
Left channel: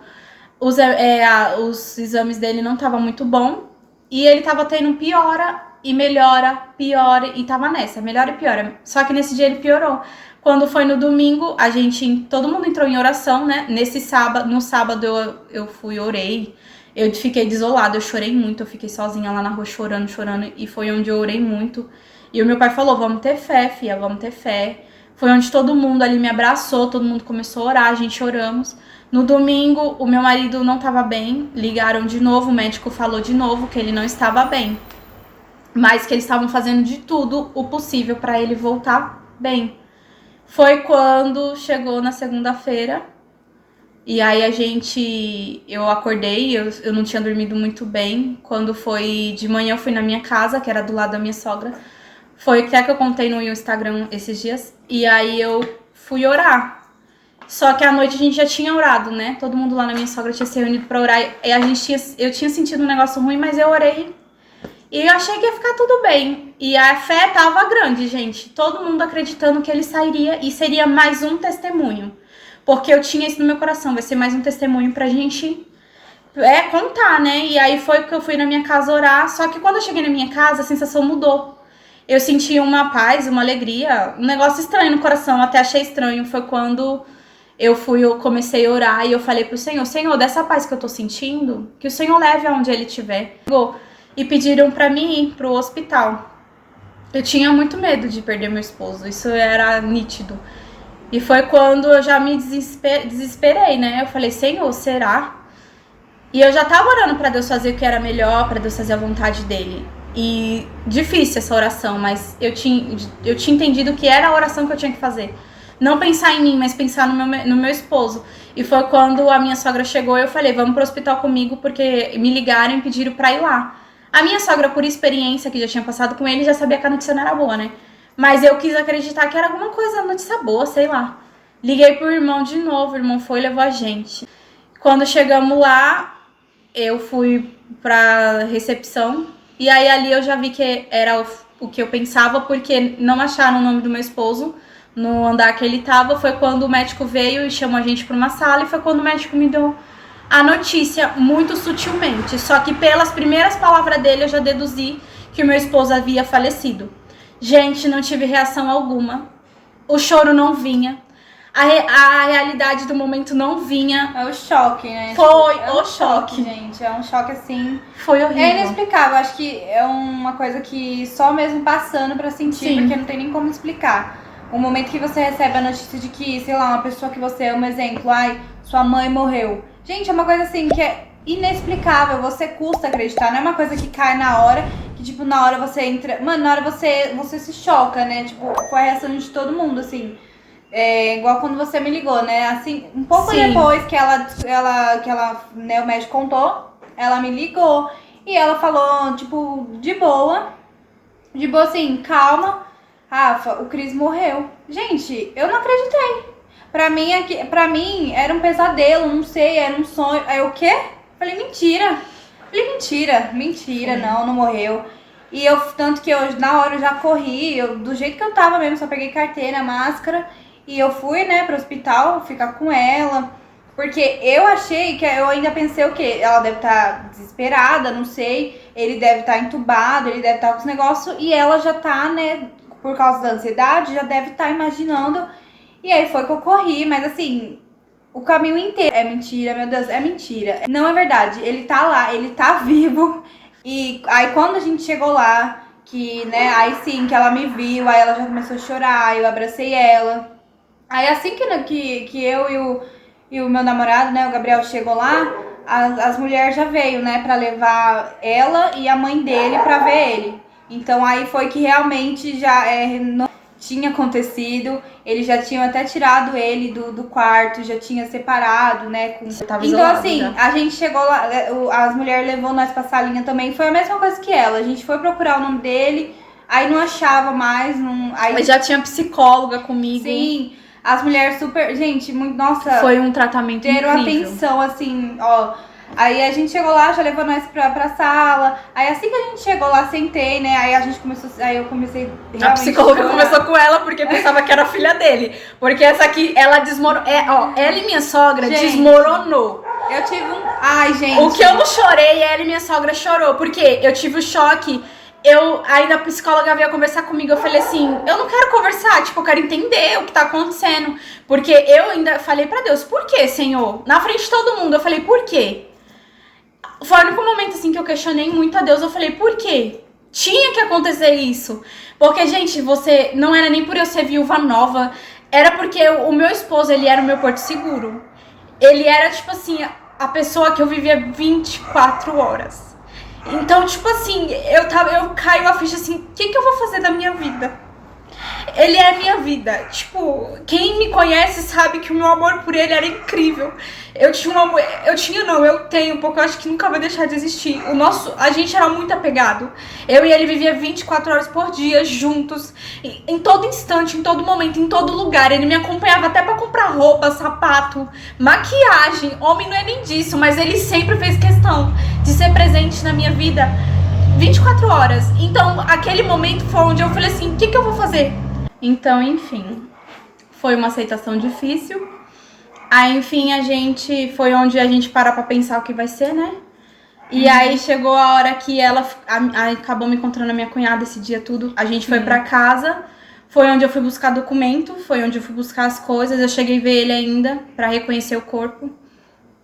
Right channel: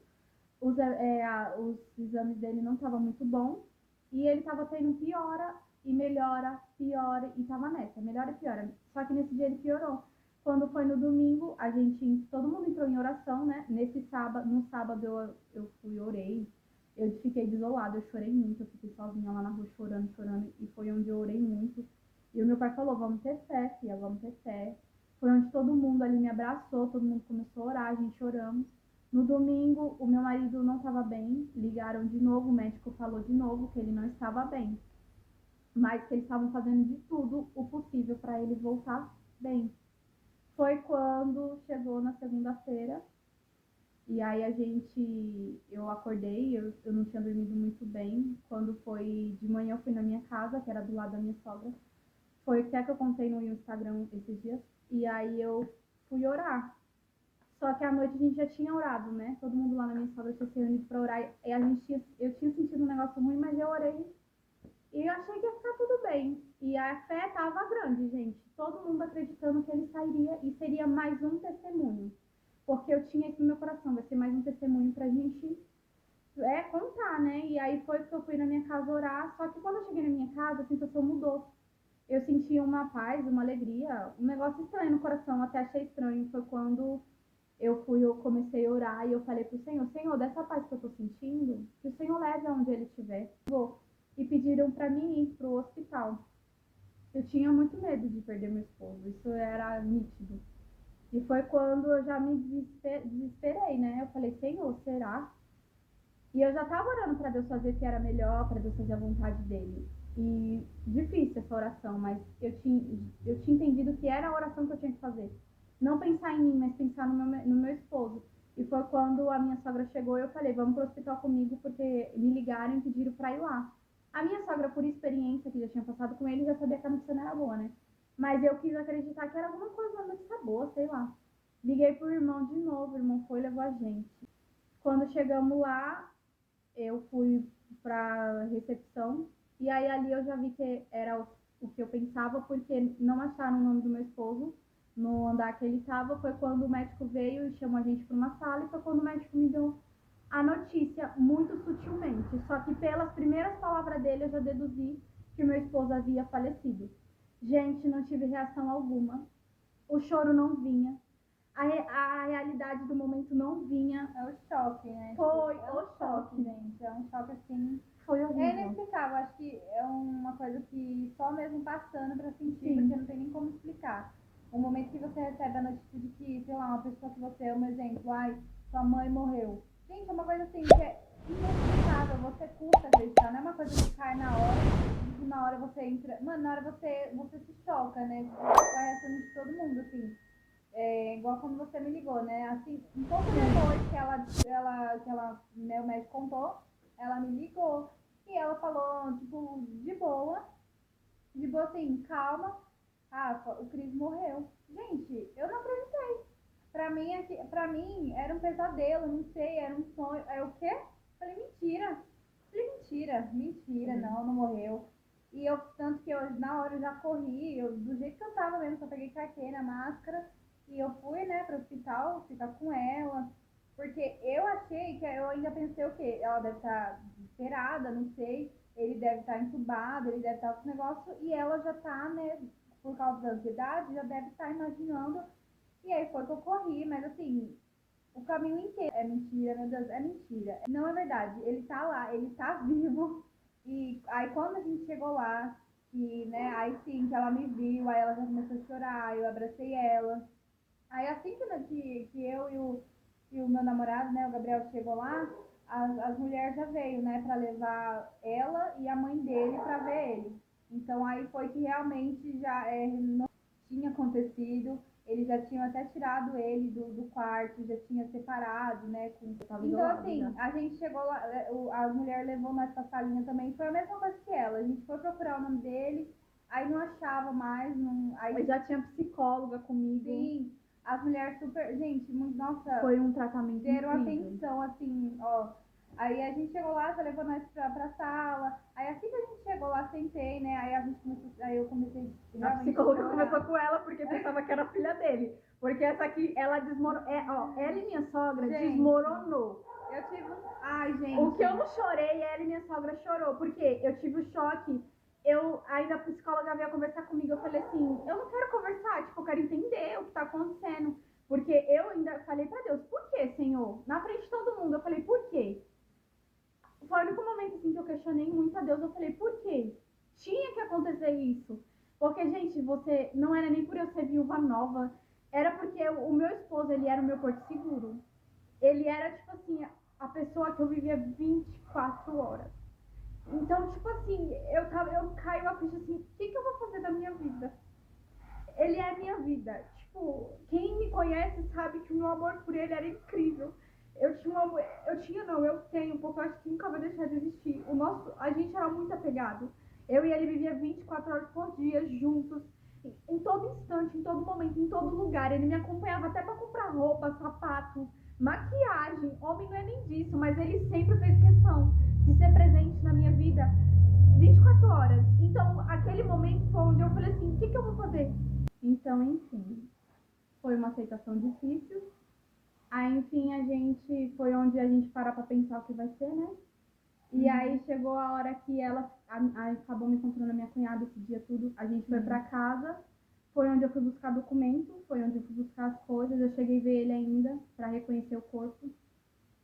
os exames dele não estavam muito bom. E ele tava tendo piora e melhora, piora e tava nessa, melhora e piora. Só que nesse dia ele piorou. Quando foi no domingo, todo mundo entrou em oração, né? No sábado eu fui, orei. Eu fiquei desolada, eu chorei muito, eu fiquei sozinha lá na rua chorando, e foi onde eu orei muito. E o meu pai falou, vamos ter fé, filha, vamos ter fé. Foi onde todo mundo ali me abraçou, todo mundo começou a orar, a gente oramos. No domingo, o meu marido não estava bem, ligaram de novo, o médico falou de novo que ele não estava bem. Mas que eles estavam fazendo de tudo o possível para ele voltar bem. Foi quando chegou na segunda-feira, E aí eu acordei, eu não tinha dormido muito bem. Quando foi de manhã, eu fui na minha casa, que era do lado da minha sogra. Foi até que eu contei no Instagram esses dias. E aí eu fui orar. Só que à noite a gente já tinha orado, né? Todo mundo lá na minha sogra tinha se reunido pra orar. E eu tinha sentido um negócio ruim, mas eu orei. E eu achei que ia ficar tudo bem. E a fé tava grande, gente. Todo mundo acreditando que ele sairia e seria mais um testemunho. Porque eu tinha isso no meu coração. Vai ser mais um testemunho pra gente contar, né? E aí foi que eu fui na minha casa orar. Só que quando eu cheguei na minha casa, a sensação mudou. Eu senti uma paz, uma alegria, um negócio estranho no coração. Até achei estranho. Foi quando eu comecei a orar e eu falei pro Senhor, Senhor, dessa paz que eu tô sentindo, que o Senhor leve aonde ele estiver. E pediram pra mim ir pro hospital. Eu tinha muito medo de perder meu esposo, isso era nítido. E foi quando eu já me desesperei, né? Eu falei, Senhor, será? E eu já tava orando pra Deus fazer o que era melhor, pra Deus fazer a vontade dele. E difícil essa oração, mas eu tinha entendido que era a oração que eu tinha que fazer. Não pensar em mim, mas pensar no meu esposo. E foi quando a minha sogra chegou e eu falei, vamos pro hospital comigo, porque me ligaram e pediram pra ir lá. A minha sogra, por experiência que já tinha passado com ele, já sabia que a notícia não era boa, né? Mas eu quis acreditar que era alguma coisa, notícia boa, sei lá. Liguei pro irmão de novo, o irmão foi e levou a gente. Quando chegamos lá, eu fui pra recepção. E aí ali eu já vi que era o que eu pensava, porque não acharam o nome do meu esposo no andar que ele tava. Foi quando o médico veio e chamou a gente pra uma sala, e foi quando o médico me deu a notícia, muito sutilmente. Só que pelas primeiras palavras dele eu já deduzi que o meu esposo havia falecido. Gente, não tive reação alguma. O choro não vinha. A realidade do momento não vinha. É o choque, né? Foi o choque, gente. É um choque assim. Foi horrível. É inexplicável. Acho que é uma coisa que só mesmo passando pra sentir, Sim. porque não tem nem como explicar. O momento que você recebe a notícia de que, sei lá, uma pessoa que você ama, exemplo, ai, sua mãe morreu. Gente, é uma coisa assim que é inexplicável, você custa acreditar, não é uma coisa que cai na hora, que tipo, na hora você entra... Mano, na hora você se choca, né? Tipo, foi a reação de todo mundo, assim. É igual quando você me ligou, né? Assim, um pouco Sim. depois que né, o médico contou, ela me ligou e ela falou, tipo, de boa assim, calma, Rafa, o Cris morreu. Gente, eu não acreditei. Pra mim era um pesadelo, não sei, era um sonho. Aí o quê? Falei, mentira. Mentira, não morreu. E tanto que eu, na hora eu já corri, do jeito que eu tava mesmo, só peguei carteira, máscara, e eu fui, né, pro hospital ficar com ela. Porque eu achei eu ainda pensei o quê? Ela deve estar desesperada, não sei, ele deve estar entubado, ele deve estar com os negócios, e ela já tá, né, por causa da ansiedade, já deve estar imaginando. E aí foi que eu corri, mas assim, o caminho inteiro é mentira, meu Deus, é mentira. Não é verdade, ele tá lá, ele tá vivo. E aí quando a gente chegou lá, que, né, aí sim, que ela me viu, aí ela já começou a chorar, eu abracei ela. Aí assim que eu e o meu namorado, né, o Gabriel, chegou lá, as mulheres já veio, né, pra levar ela e a mãe dele pra ver ele. Então aí foi que realmente já não tinha acontecido, eles já tinham até tirado ele do quarto, já tinha separado, né? Então assim, já. A gente chegou lá, as mulheres levou nós pra salinha também, foi a mesma coisa que ela, a gente foi procurar o nome dele, aí não achava mais, aí... Mas já tinha psicóloga comigo. Sim, as mulheres super, gente, muito, nossa... Foi um tratamento incrível. Deram atenção, assim, ó... Aí a gente chegou lá, já levou nós pra sala. Aí assim que a gente chegou lá, sentei, né? Aí eu comecei realmente a psicóloga começou com ela porque pensava que era filha dele. Porque essa aqui, ela desmoronou. Ela e minha sogra desmoronou. Eu tive Ai, gente. O que eu não chorei, ela e minha sogra chorou. Porque eu tive o choque. Ainda a psicóloga veio conversar comigo. Eu falei assim, eu não quero conversar, tipo, eu quero entender o que tá acontecendo. Porque eu ainda falei pra Deus, por que, Senhor? Na frente de todo mundo, eu falei, por quê? Foi o único momento, assim, que eu questionei muito a Deus. Eu falei, por quê? Tinha que acontecer isso. Porque, gente, não era nem por eu ser viúva nova. Era porque o meu esposo, ele era o meu porto seguro. Ele era, tipo assim, a pessoa que eu vivia 24 horas. Então, tipo assim, eu caiu a ficha assim, o que eu vou fazer da minha vida? Ele é a minha vida. Tipo, quem me conhece sabe que o meu amor por ele era incrível. Eu tenho, porque eu acho que nunca vai deixar de existir. A gente era muito apegado. Eu e ele vivia 24 horas por dia juntos, em todo instante, em todo momento, em todo lugar. Ele me acompanhava até pra comprar roupa, sapato, maquiagem. Homem não é nem disso, mas ele sempre fez questão de ser presente na minha vida 24 horas. Então, aquele momento foi onde eu falei assim, o que eu vou fazer? Então, enfim, foi uma aceitação difícil. Aí, enfim, foi onde a gente parou pra pensar o que vai ser, né? E aí chegou a hora que acabou me encontrando a minha cunhada esse dia tudo. A gente foi pra casa, foi onde eu fui buscar documento, foi onde eu fui buscar as coisas. Eu cheguei a ver ele ainda pra reconhecer o corpo.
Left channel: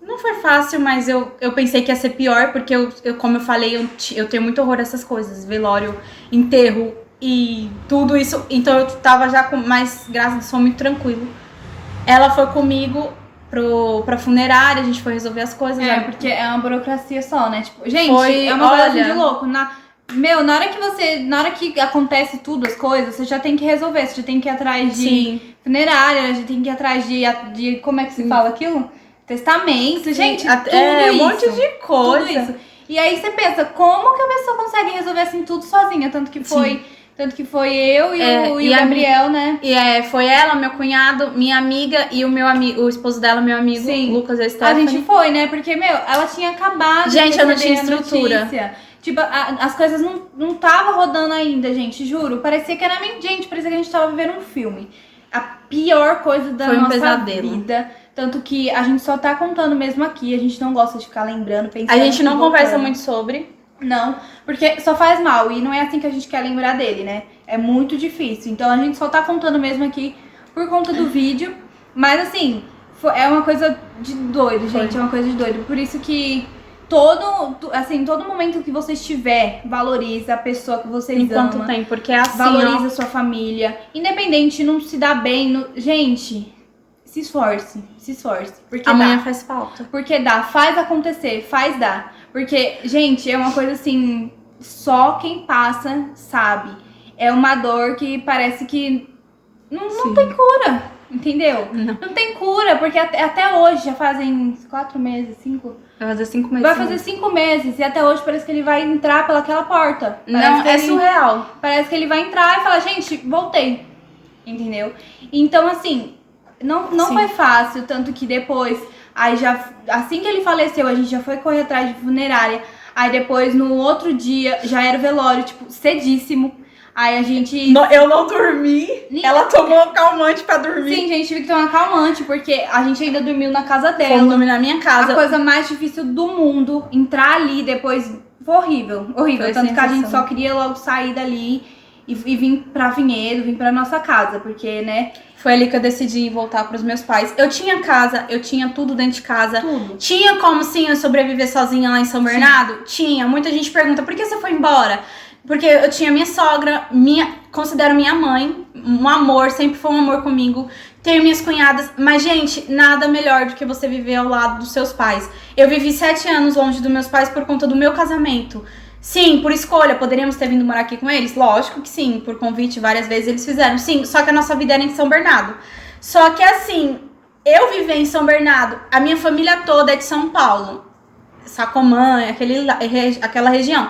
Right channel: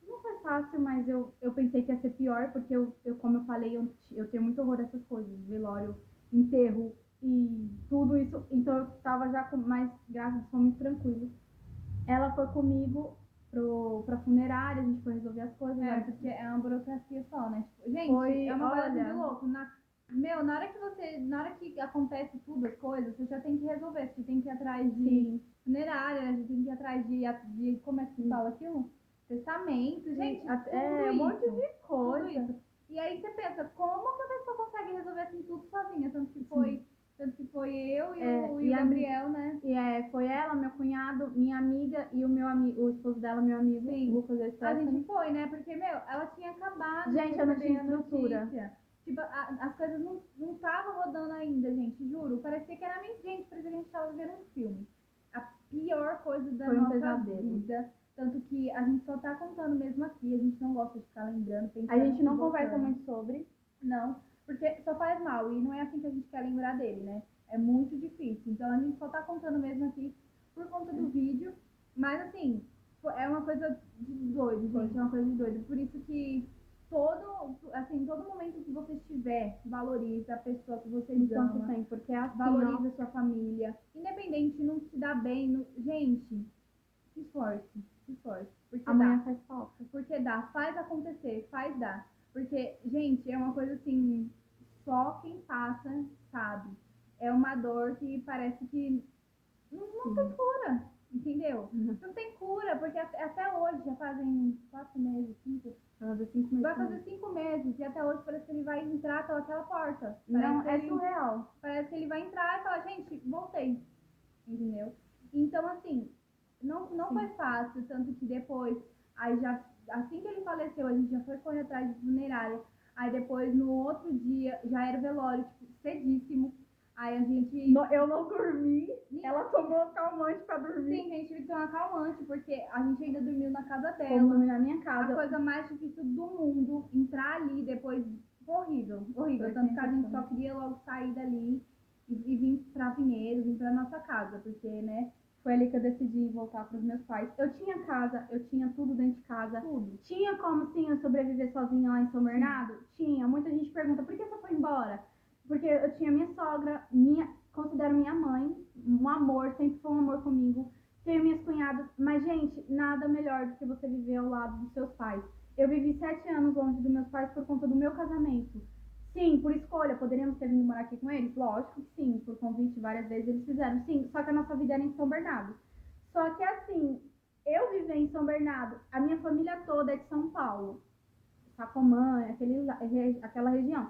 Não foi fácil, mas eu pensei que ia ser pior, porque como eu falei, eu tenho muito horror a essas coisas. Velório, enterro e tudo isso. Então eu tava já mais, graças a Deus, foi muito tranquilo. Ela foi comigo pra funerária, a gente foi resolver as coisas. Porque é uma burocracia só, né? Tipo, gente, é uma coisa de louco. Na hora que acontece tudo, as coisas, você já tem que resolver, você já tem que ir atrás de funerária, já tem que ir atrás de como é que se fala aquilo? Testamento, gente, tudo isso. Um monte de coisa. Tudo isso. E aí você pensa, como que a pessoa consegue resolver assim tudo sozinha? Tanto que foi eu e o Gabriel, né? E foi ela, meu cunhado, minha amiga e o esposo dela, meu amigo, Lucas e Stephanie. A gente foi, né? Porque, ela tinha acabado de eu não tinha estrutura. Notícia. Tipo, as coisas não tava rodando ainda, gente, juro. Parecia que a gente tava vivendo um filme. A pior coisa da nossa vida. Tanto que a gente só tá contando mesmo aqui, a gente não gosta de ficar lembrando, pensando. A gente não conversa muito sobre. Não, porque só faz mal e não é assim que a gente quer lembrar dele, né? É muito difícil. Então a gente só tá contando mesmo aqui por conta do vídeo. Mas assim, é uma coisa de doido, gente. É uma coisa de doido. Por isso que todo momento que você estiver, valoriza a pessoa que vocês amam. Enquanto tem, porque é assim, valoriza a sua família. Independente, não se dá bem. Gente, se esforce. Porque amanhã faz falta. Porque faz acontecer, faz dar. Porque, gente, é uma coisa assim, só quem passa sabe. É uma dor que parece que não tem cura, entendeu? Não tem cura, porque até hoje, já fazem 4 meses, 5... Vai fazer 5 meses. Vai fazer 5 meses e até hoje parece que ele vai entrar pelaquela porta. Surreal. Parece que ele vai entrar e falar, gente, voltei. Entendeu? Então, assim, não foi fácil, tanto que depois... Aí assim que ele faleceu, a gente já foi correr atrás de funerária. Aí depois, no outro dia, já era o velório, tipo, cedíssimo. Aí a gente... Eu não dormi. Ela tomou calmante pra dormir. Sim, gente, tive que tomar calmante, porque a gente ainda dormiu na casa dela. Fomos dormir na minha casa. A coisa mais difícil do mundo, entrar ali depois, foi horrível. Foi tanto que a gente só queria logo sair dali e vir pra Vinhedo, vir pra nossa casa, porque, né... Foi ali que eu decidi voltar pros meus pais. Eu tinha casa, eu tinha tudo dentro de casa. Tudo. Tinha como, sim, eu sobreviver sozinha lá em São Bernardo? Tinha. Muita gente pergunta, por que você foi embora? Porque eu tinha minha sogra, considero minha mãe, um amor, sempre foi um amor comigo. Tenho minhas cunhadas, mas, gente, nada melhor do que você viver ao lado dos seus pais. Eu vivi 7 anos longe dos meus pais por conta do meu casamento. Sim, por escolha, poderíamos ter vindo morar aqui com eles? Lógico que sim, por convite várias vezes eles fizeram. Sim, só que a nossa vida era em São Bernardo. Só que assim, eu vivi em São Bernardo, a minha família toda é de São Paulo. Sacomã, aquela região.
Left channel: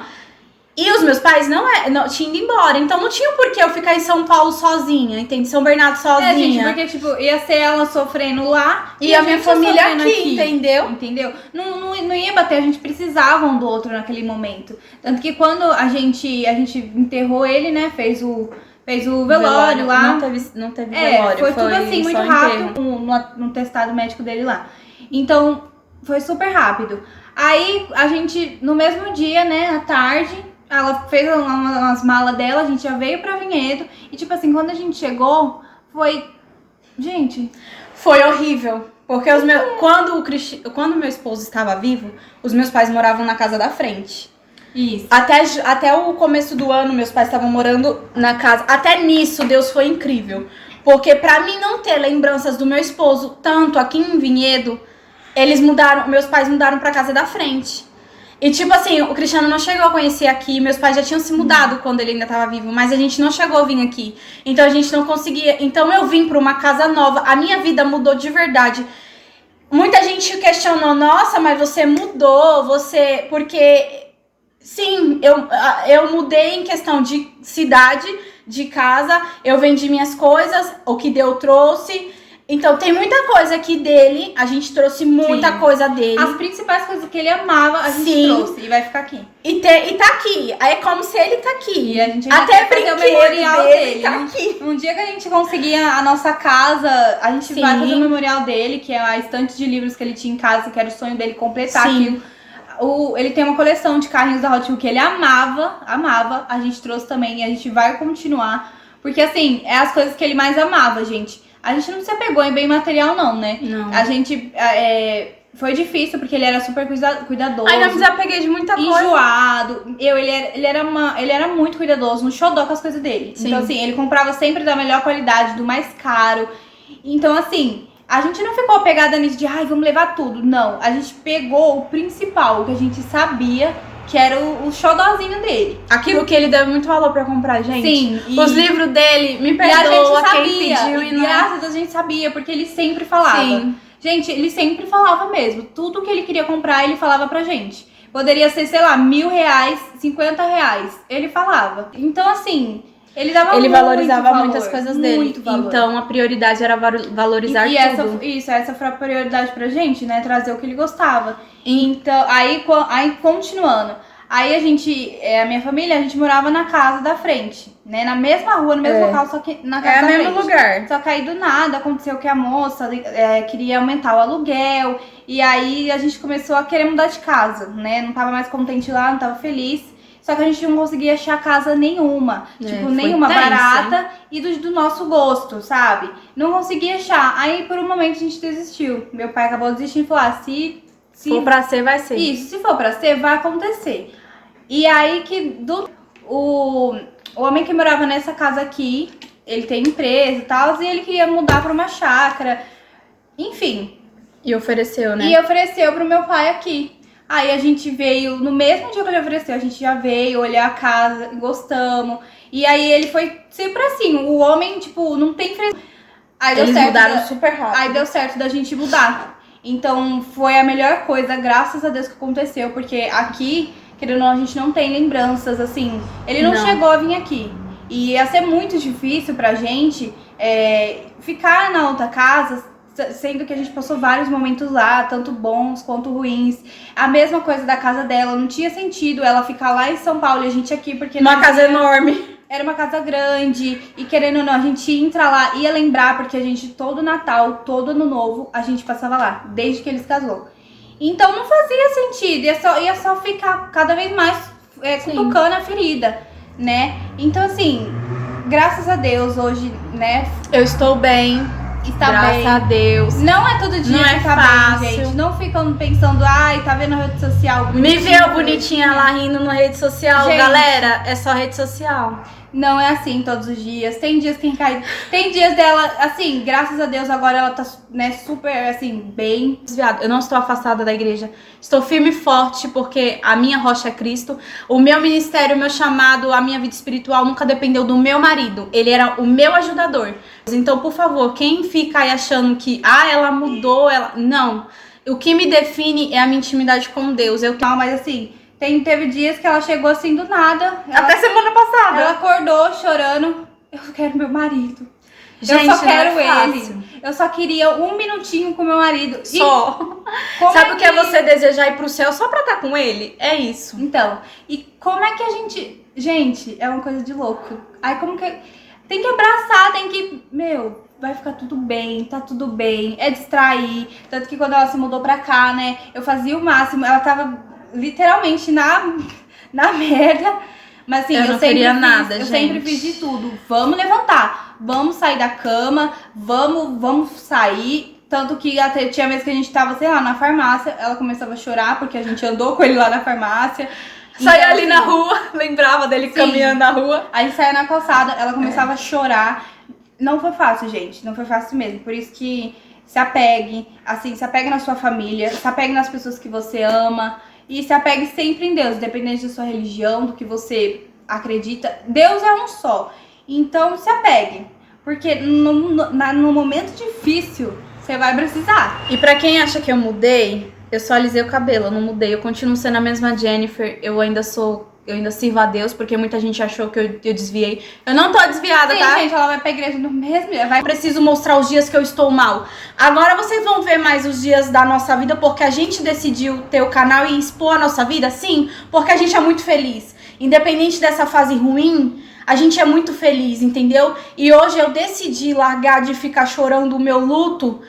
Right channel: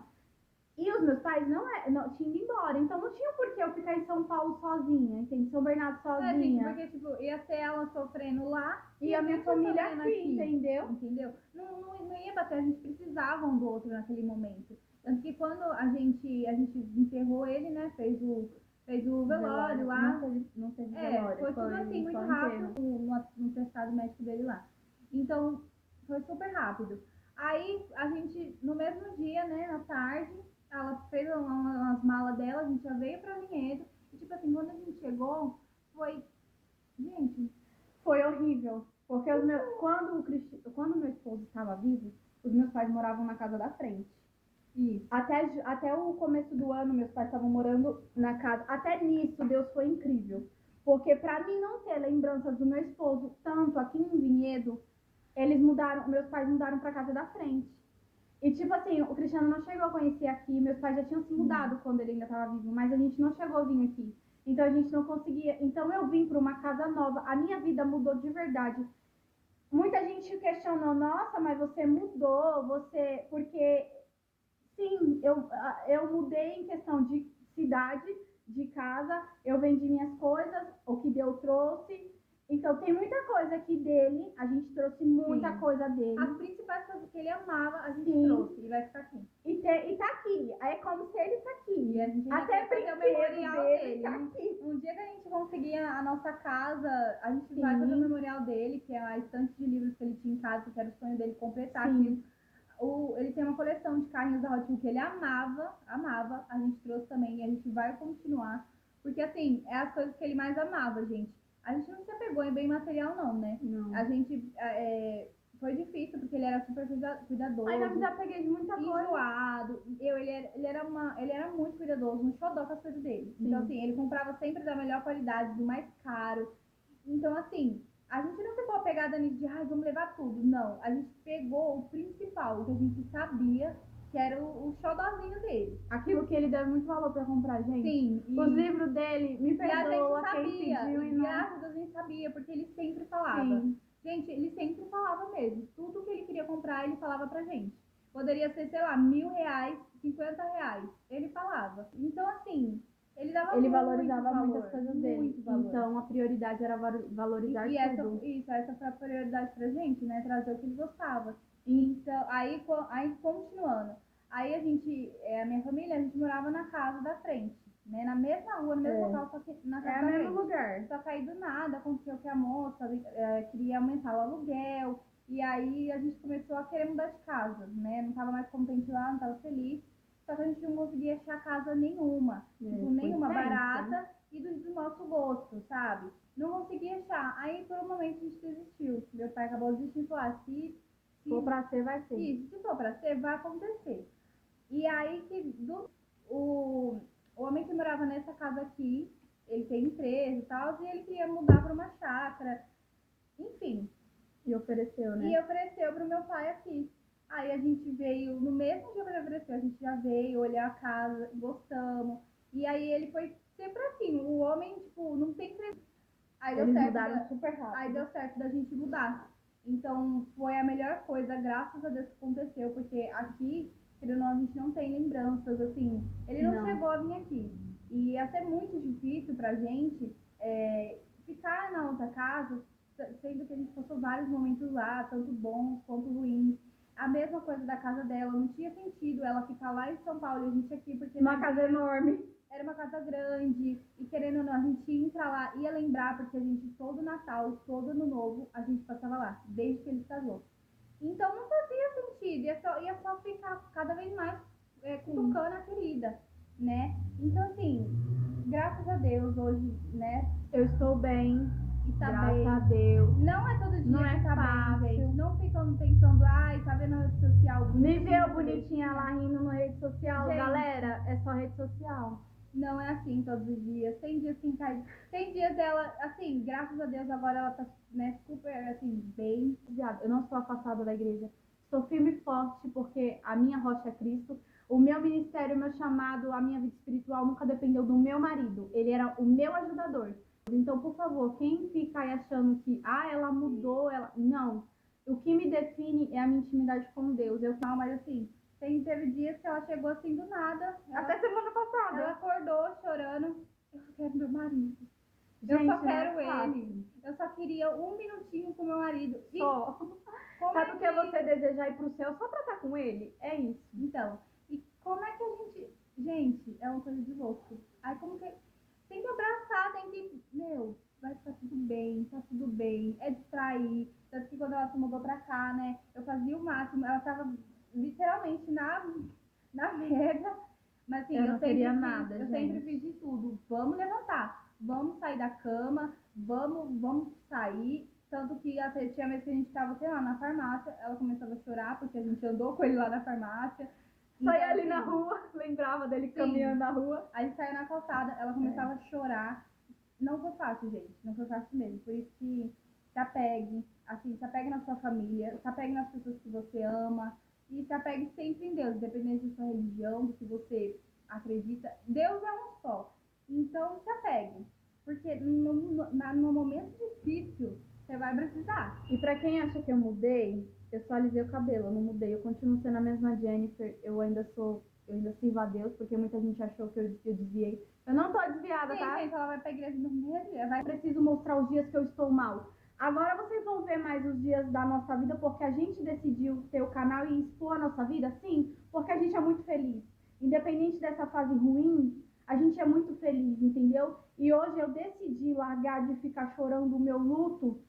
E os meus pais não tinham ido embora, então não tinha por que eu ficar em São Paulo sozinha, entende? São Bernardo sozinha. Gente, porque, tipo, ia ser ela sofrendo lá e a minha família aqui, entendeu? Entendeu? Não ia bater, a gente precisava um do outro naquele momento. Tanto que quando a gente enterrou ele, né, fez o velório lá. Não teve velório. Foi tudo assim, muito rápido, no testado médico dele lá. Então, foi super rápido. Aí, a gente, no mesmo dia, né, à tarde... Ela fez umas malas dela, a gente já veio pra Vinhedo. E tipo assim, quando a gente chegou, foi... Gente... Foi horrível. Porque quando meu esposo estava vivo, os meus pais moravam na casa da frente. Isso. Até o começo do ano, meus pais estavam morando na casa. Até nisso, Deus foi incrível. Porque pra mim não ter lembranças do meu esposo, tanto aqui em Vinhedo, meus pais mudaram pra casa da frente. E tipo assim, o Cristiano não chegou a conhecer aqui, meus pais já tinham se mudado quando ele ainda tava vivo, mas a gente não chegou a vir aqui. Então a gente não conseguia. Então eu vim pra uma casa nova, a minha vida mudou de verdade. Muita gente questionou, nossa, mas você mudou, você. Porque sim, eu mudei em questão de cidade, de casa, eu vendi minhas coisas, o que Deus trouxe. Então tem muita coisa aqui dele, a gente trouxe muita coisa dele. As principais coisas que ele amava, a gente trouxe e vai ficar aqui. E tá aqui, aí é como se ele tá aqui. E a gente vai até fazer o memorial dele. Tá aqui. Um dia que a gente conseguir a nossa casa, a gente vai fazer o memorial dele, que é a estante de livros que ele tinha em casa, que era o sonho dele completar aquilo. Ele tem uma coleção de carrinhos da Hot Wheels que ele amava, a gente trouxe também e a gente vai continuar. Porque assim, é as coisas que ele mais amava, gente. A gente não se apegou em bem material não, né? Não. A gente... foi difícil porque ele era super cuidadoso. Aí não me desapeguei de muita coisa. Enjoado. Ele era muito cuidadoso, no xodó com as coisas dele. Sim. Então assim, ele comprava sempre da melhor qualidade, do mais caro. Então assim... A gente não ficou apegada nisso de, vamos levar tudo. Não, a gente pegou o principal, o que a gente sabia que era o xodózinho dele. Aquilo que ele deu muito valor pra comprar, gente. Sim. Os livros dele, me perdoa quem pediu e não... Graças a Deus a gente sabia, porque ele sempre falava. Sim. Gente, ele sempre falava mesmo. Tudo que ele queria comprar, ele falava pra gente. Poderia ser, sei lá, R$1.000, R$50. Ele falava. Então, assim... Ele valorizava muito muitas coisas dele. Muito valor. Então a prioridade era valorizar tudo. Essa foi a prioridade pra gente, né? Trazer o que ele gostava. Então, aí continuando. Aí a minha família, a gente morava na casa da frente, né? Na mesma rua, no mesmo local, só que na casa da frente. É o mesmo lugar. Só que aí do nada aconteceu que a moça queria aumentar o aluguel. E aí a gente começou a querer mudar de casa, né? Não tava mais contente lá, não tava feliz. Só que a gente não conseguia achar casa nenhuma. Nenhuma barata e do nosso gosto, sabe? Não conseguia achar. Aí, por um momento, a gente desistiu. Meu pai acabou desistindo e falou, se for pra ser, vai ser. Isso, se for pra ser, vai acontecer. E aí que o homem que morava nessa casa aqui, ele tem empresa e tal, e ele queria mudar pra uma chácara. Enfim. E ofereceu, né? E ofereceu pro meu pai aqui. Aí a gente veio, no mesmo dia que ele ofereceu, a gente já veio olhar a casa, gostamos. E aí ele foi sempre assim, o homem, tipo, não tem frescura. Eles mudaram super rápido. Aí deu certo da gente mudar. Então foi a melhor coisa, graças a Deus, que aconteceu. Porque aqui, querendo ou não, a gente não tem lembranças, assim. Ele não chegou a vir aqui. E ia ser muito difícil pra gente ficar na outra casa, sendo que a gente passou vários momentos lá, tanto bons quanto ruins. A mesma coisa da casa dela, não tinha sentido ela ficar lá em São Paulo e a gente aqui, porque... Uma casa enorme. Era uma casa grande, e querendo ou não, a gente entra lá, ia lembrar, porque a gente, todo Natal, todo Ano Novo, a gente passava lá, desde que eles casou. Então não fazia sentido, ia só ficar cada vez mais cutucando a ferida, né? Então assim, graças a Deus, hoje, né... Eu estou bem. Graças a Deus. Não é todo dia não que tá fácil. bem, gente. Não ficam pensando, tá vendo a rede social? Me viu bonitinha lá rindo na rede social, gente. Galera, é só rede social. Não é assim todos os dias. Tem dias que cai. Tem dias dela, assim, graças a Deus, agora ela tá, né, super, assim, bem. Desviado. Eu não estou afastada da igreja. Estou firme e forte, porque a minha rocha é Cristo. O meu ministério, o meu chamado, a minha vida espiritual nunca dependeu do meu marido. Ele era o meu ajudador. Então, por favor, quem fica aí achando que, ela mudou, Não. O que me define é a minha intimidade com Deus. Não, mas assim... Teve dias que ela chegou assim do nada. Até semana passada. Ela acordou chorando. Eu quero meu marido. Gente, eu só quero ele. Eu só queria um minutinho com meu marido. Só. Sabe o que é você desejar ir pro céu só pra estar com ele? É isso. Então, e como é que a gente... Gente, é uma coisa de louco. Aí como que... Tem que abraçar, tem que... vai ficar tudo bem, tá tudo bem. É distrair. Tanto que quando ela se mudou pra cá, né? Eu fazia o máximo. Ela tava... literalmente na merda. Mas assim, eu sempre fiz de tudo. Vamos levantar, vamos sair da cama, vamos sair. Tanto que até tinha vezes que a gente tava, sei lá, na farmácia, ela começava a chorar porque a gente andou com ele lá na farmácia. Saia então, ali na rua, lembrava dele caminhando na rua. A gente saia na calçada, ela começava a chorar. Não foi fácil, gente, não foi fácil mesmo. Por isso que se apegue, assim, se apegue na sua família, se apegue nas pessoas que você ama. E se apegue sempre em Deus, independente da sua religião, do que você acredita. Deus é um só. Então se apegue. Porque no momento difícil, você vai precisar. E pra quem acha que eu mudei, eu só alisei o cabelo, eu não mudei. Eu continuo sendo a mesma Jennifer, eu ainda sirvo a Deus, porque muita gente achou que eu desviei. Eu não tô desviada, Sim, tá? gente, ela vai pra igreja no mesmo dia. Eu preciso mostrar os dias que eu estou mal. Agora vocês vão ver mais os dias da nossa vida, porque a gente decidiu ter o canal e expor a nossa vida, sim, porque a gente é muito feliz. Independente dessa fase ruim, a gente é muito feliz, entendeu? E hoje eu decidi largar de ficar chorando o meu luto,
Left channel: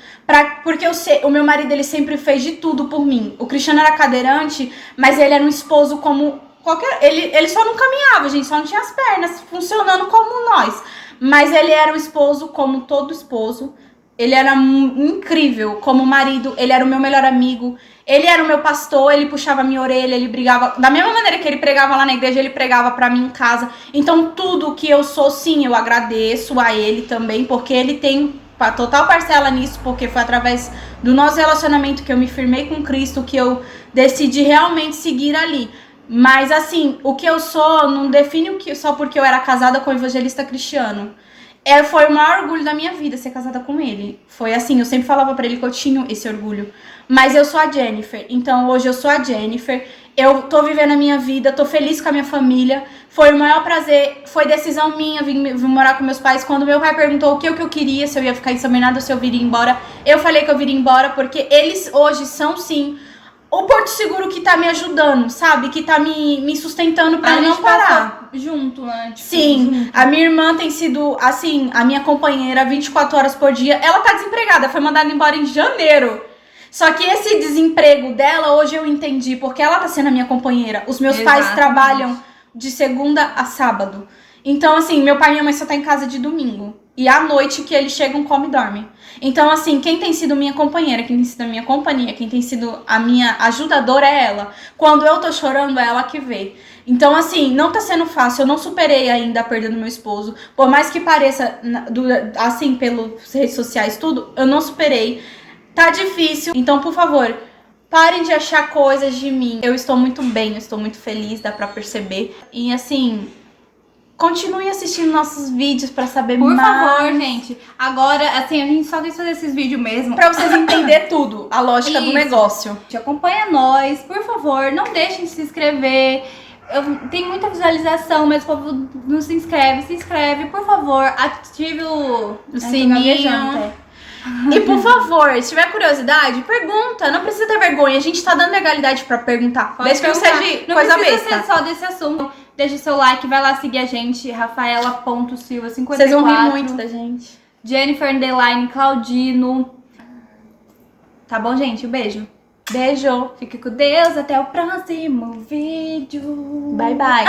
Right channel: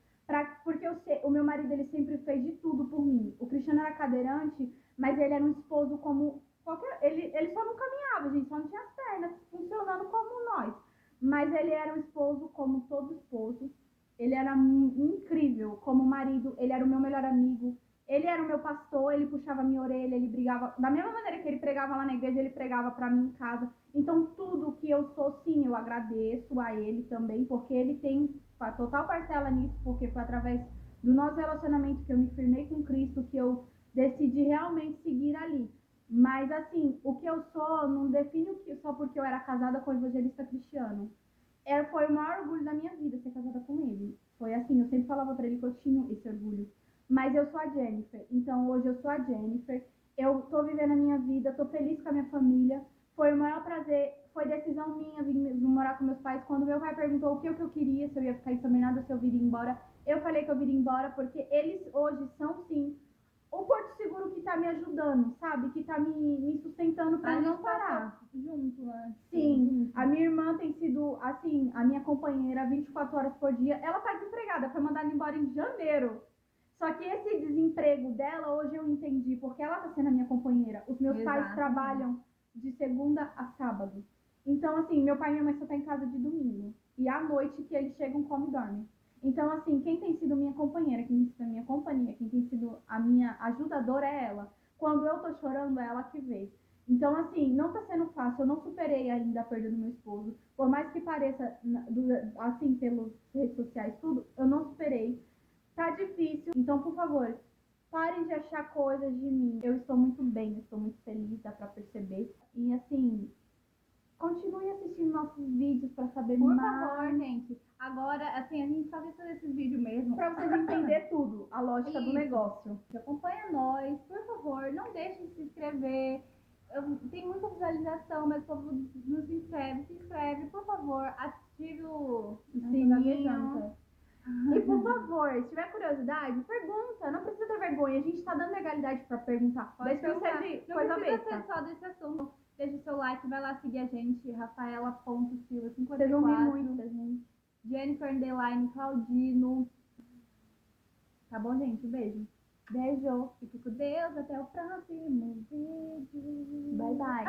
porque o meu marido, ele sempre fez de tudo por mim. O Cristiano era cadeirante, mas ele era um esposo como qualquer... Ele só não caminhava, gente, só não tinha as pernas funcionando como nós. Mas ele era um esposo como todo esposo. Ele era incrível como marido, ele era o meu melhor amigo. Ele era o meu pastor, ele puxava a minha orelha, ele brigava... Da mesma maneira que ele pregava lá na igreja, ele pregava pra mim em casa. Então, tudo que eu sou, sim, eu agradeço a ele também, porque ele tem total parcela nisso, porque foi através do nosso relacionamento que eu me firmei com Cristo, que eu decidi realmente seguir ali. Mas, assim, o que eu sou não define só porque eu era casada com o evangelista Cristiano. Foi o maior orgulho da minha vida ser casada com ele. Foi assim, eu sempre falava pra ele que eu tinha esse orgulho. Mas eu sou a Jennifer, então hoje eu sou a Jennifer. Eu tô vivendo a minha vida, tô feliz com a minha família. Foi o maior prazer, foi decisão minha vir morar com meus pais. Quando meu pai perguntou o que eu queria, se eu ia ficar em São Bernardo ou se eu viria embora, eu falei que eu viria embora, porque eles hoje são, sim, o Porto Seguro que tá me ajudando, sabe? Que tá me sustentando pra eu não parar. Junto, né? Tipo, sim, junto. a minha irmã tem sido, assim, a minha companheira 24 horas por dia. Ela tá desempregada, foi mandada embora em janeiro. Só que esse desemprego dela, hoje eu entendi, porque ela tá sendo a minha companheira. Os meus pais trabalham de segunda a sábado. Então, assim, meu pai e minha mãe só tá em casa de domingo. E à noite que eles chegam, come e dorme. Então, assim, quem tem sido minha companheira, quem tem sido a minha companhia, quem tem sido a minha ajudadora é ela. Quando eu tô chorando, é ela que vê. Então, assim, não tá sendo fácil. Eu não superei ainda a perda do meu esposo. Por mais que pareça, assim, pelas redes sociais, tudo, eu não superei. Tá difícil. Então, por favor, parem de achar coisas de mim. Eu estou muito bem, eu estou muito feliz, dá pra perceber. E, assim... Continue assistindo nossos vídeos pra saber mais. Por favor, gente. Agora, assim, a gente só quis fazer esses vídeos mesmo. Pra vocês entenderem tudo, a lógica do negócio. Acompanha nós, por favor. Não deixem de se inscrever. Tem muita visualização, mas o povo não se inscreve. Se inscreve, por favor. Ative o sininho. E por favor, se tiver curiosidade, pergunta. Não precisa ter vergonha. A gente tá dando legalidade pra perguntar. Desde que não seja coisa besta. Não precisa ser só desse assunto. Deixa seu like, vai lá seguir a gente, Rafaela.Silva54. Vocês vão rir muito da gente. Jennifer_Claudino. Tá bom, gente? Um beijo. Beijo. Fique com Deus. Até o próximo vídeo. Bye, bye.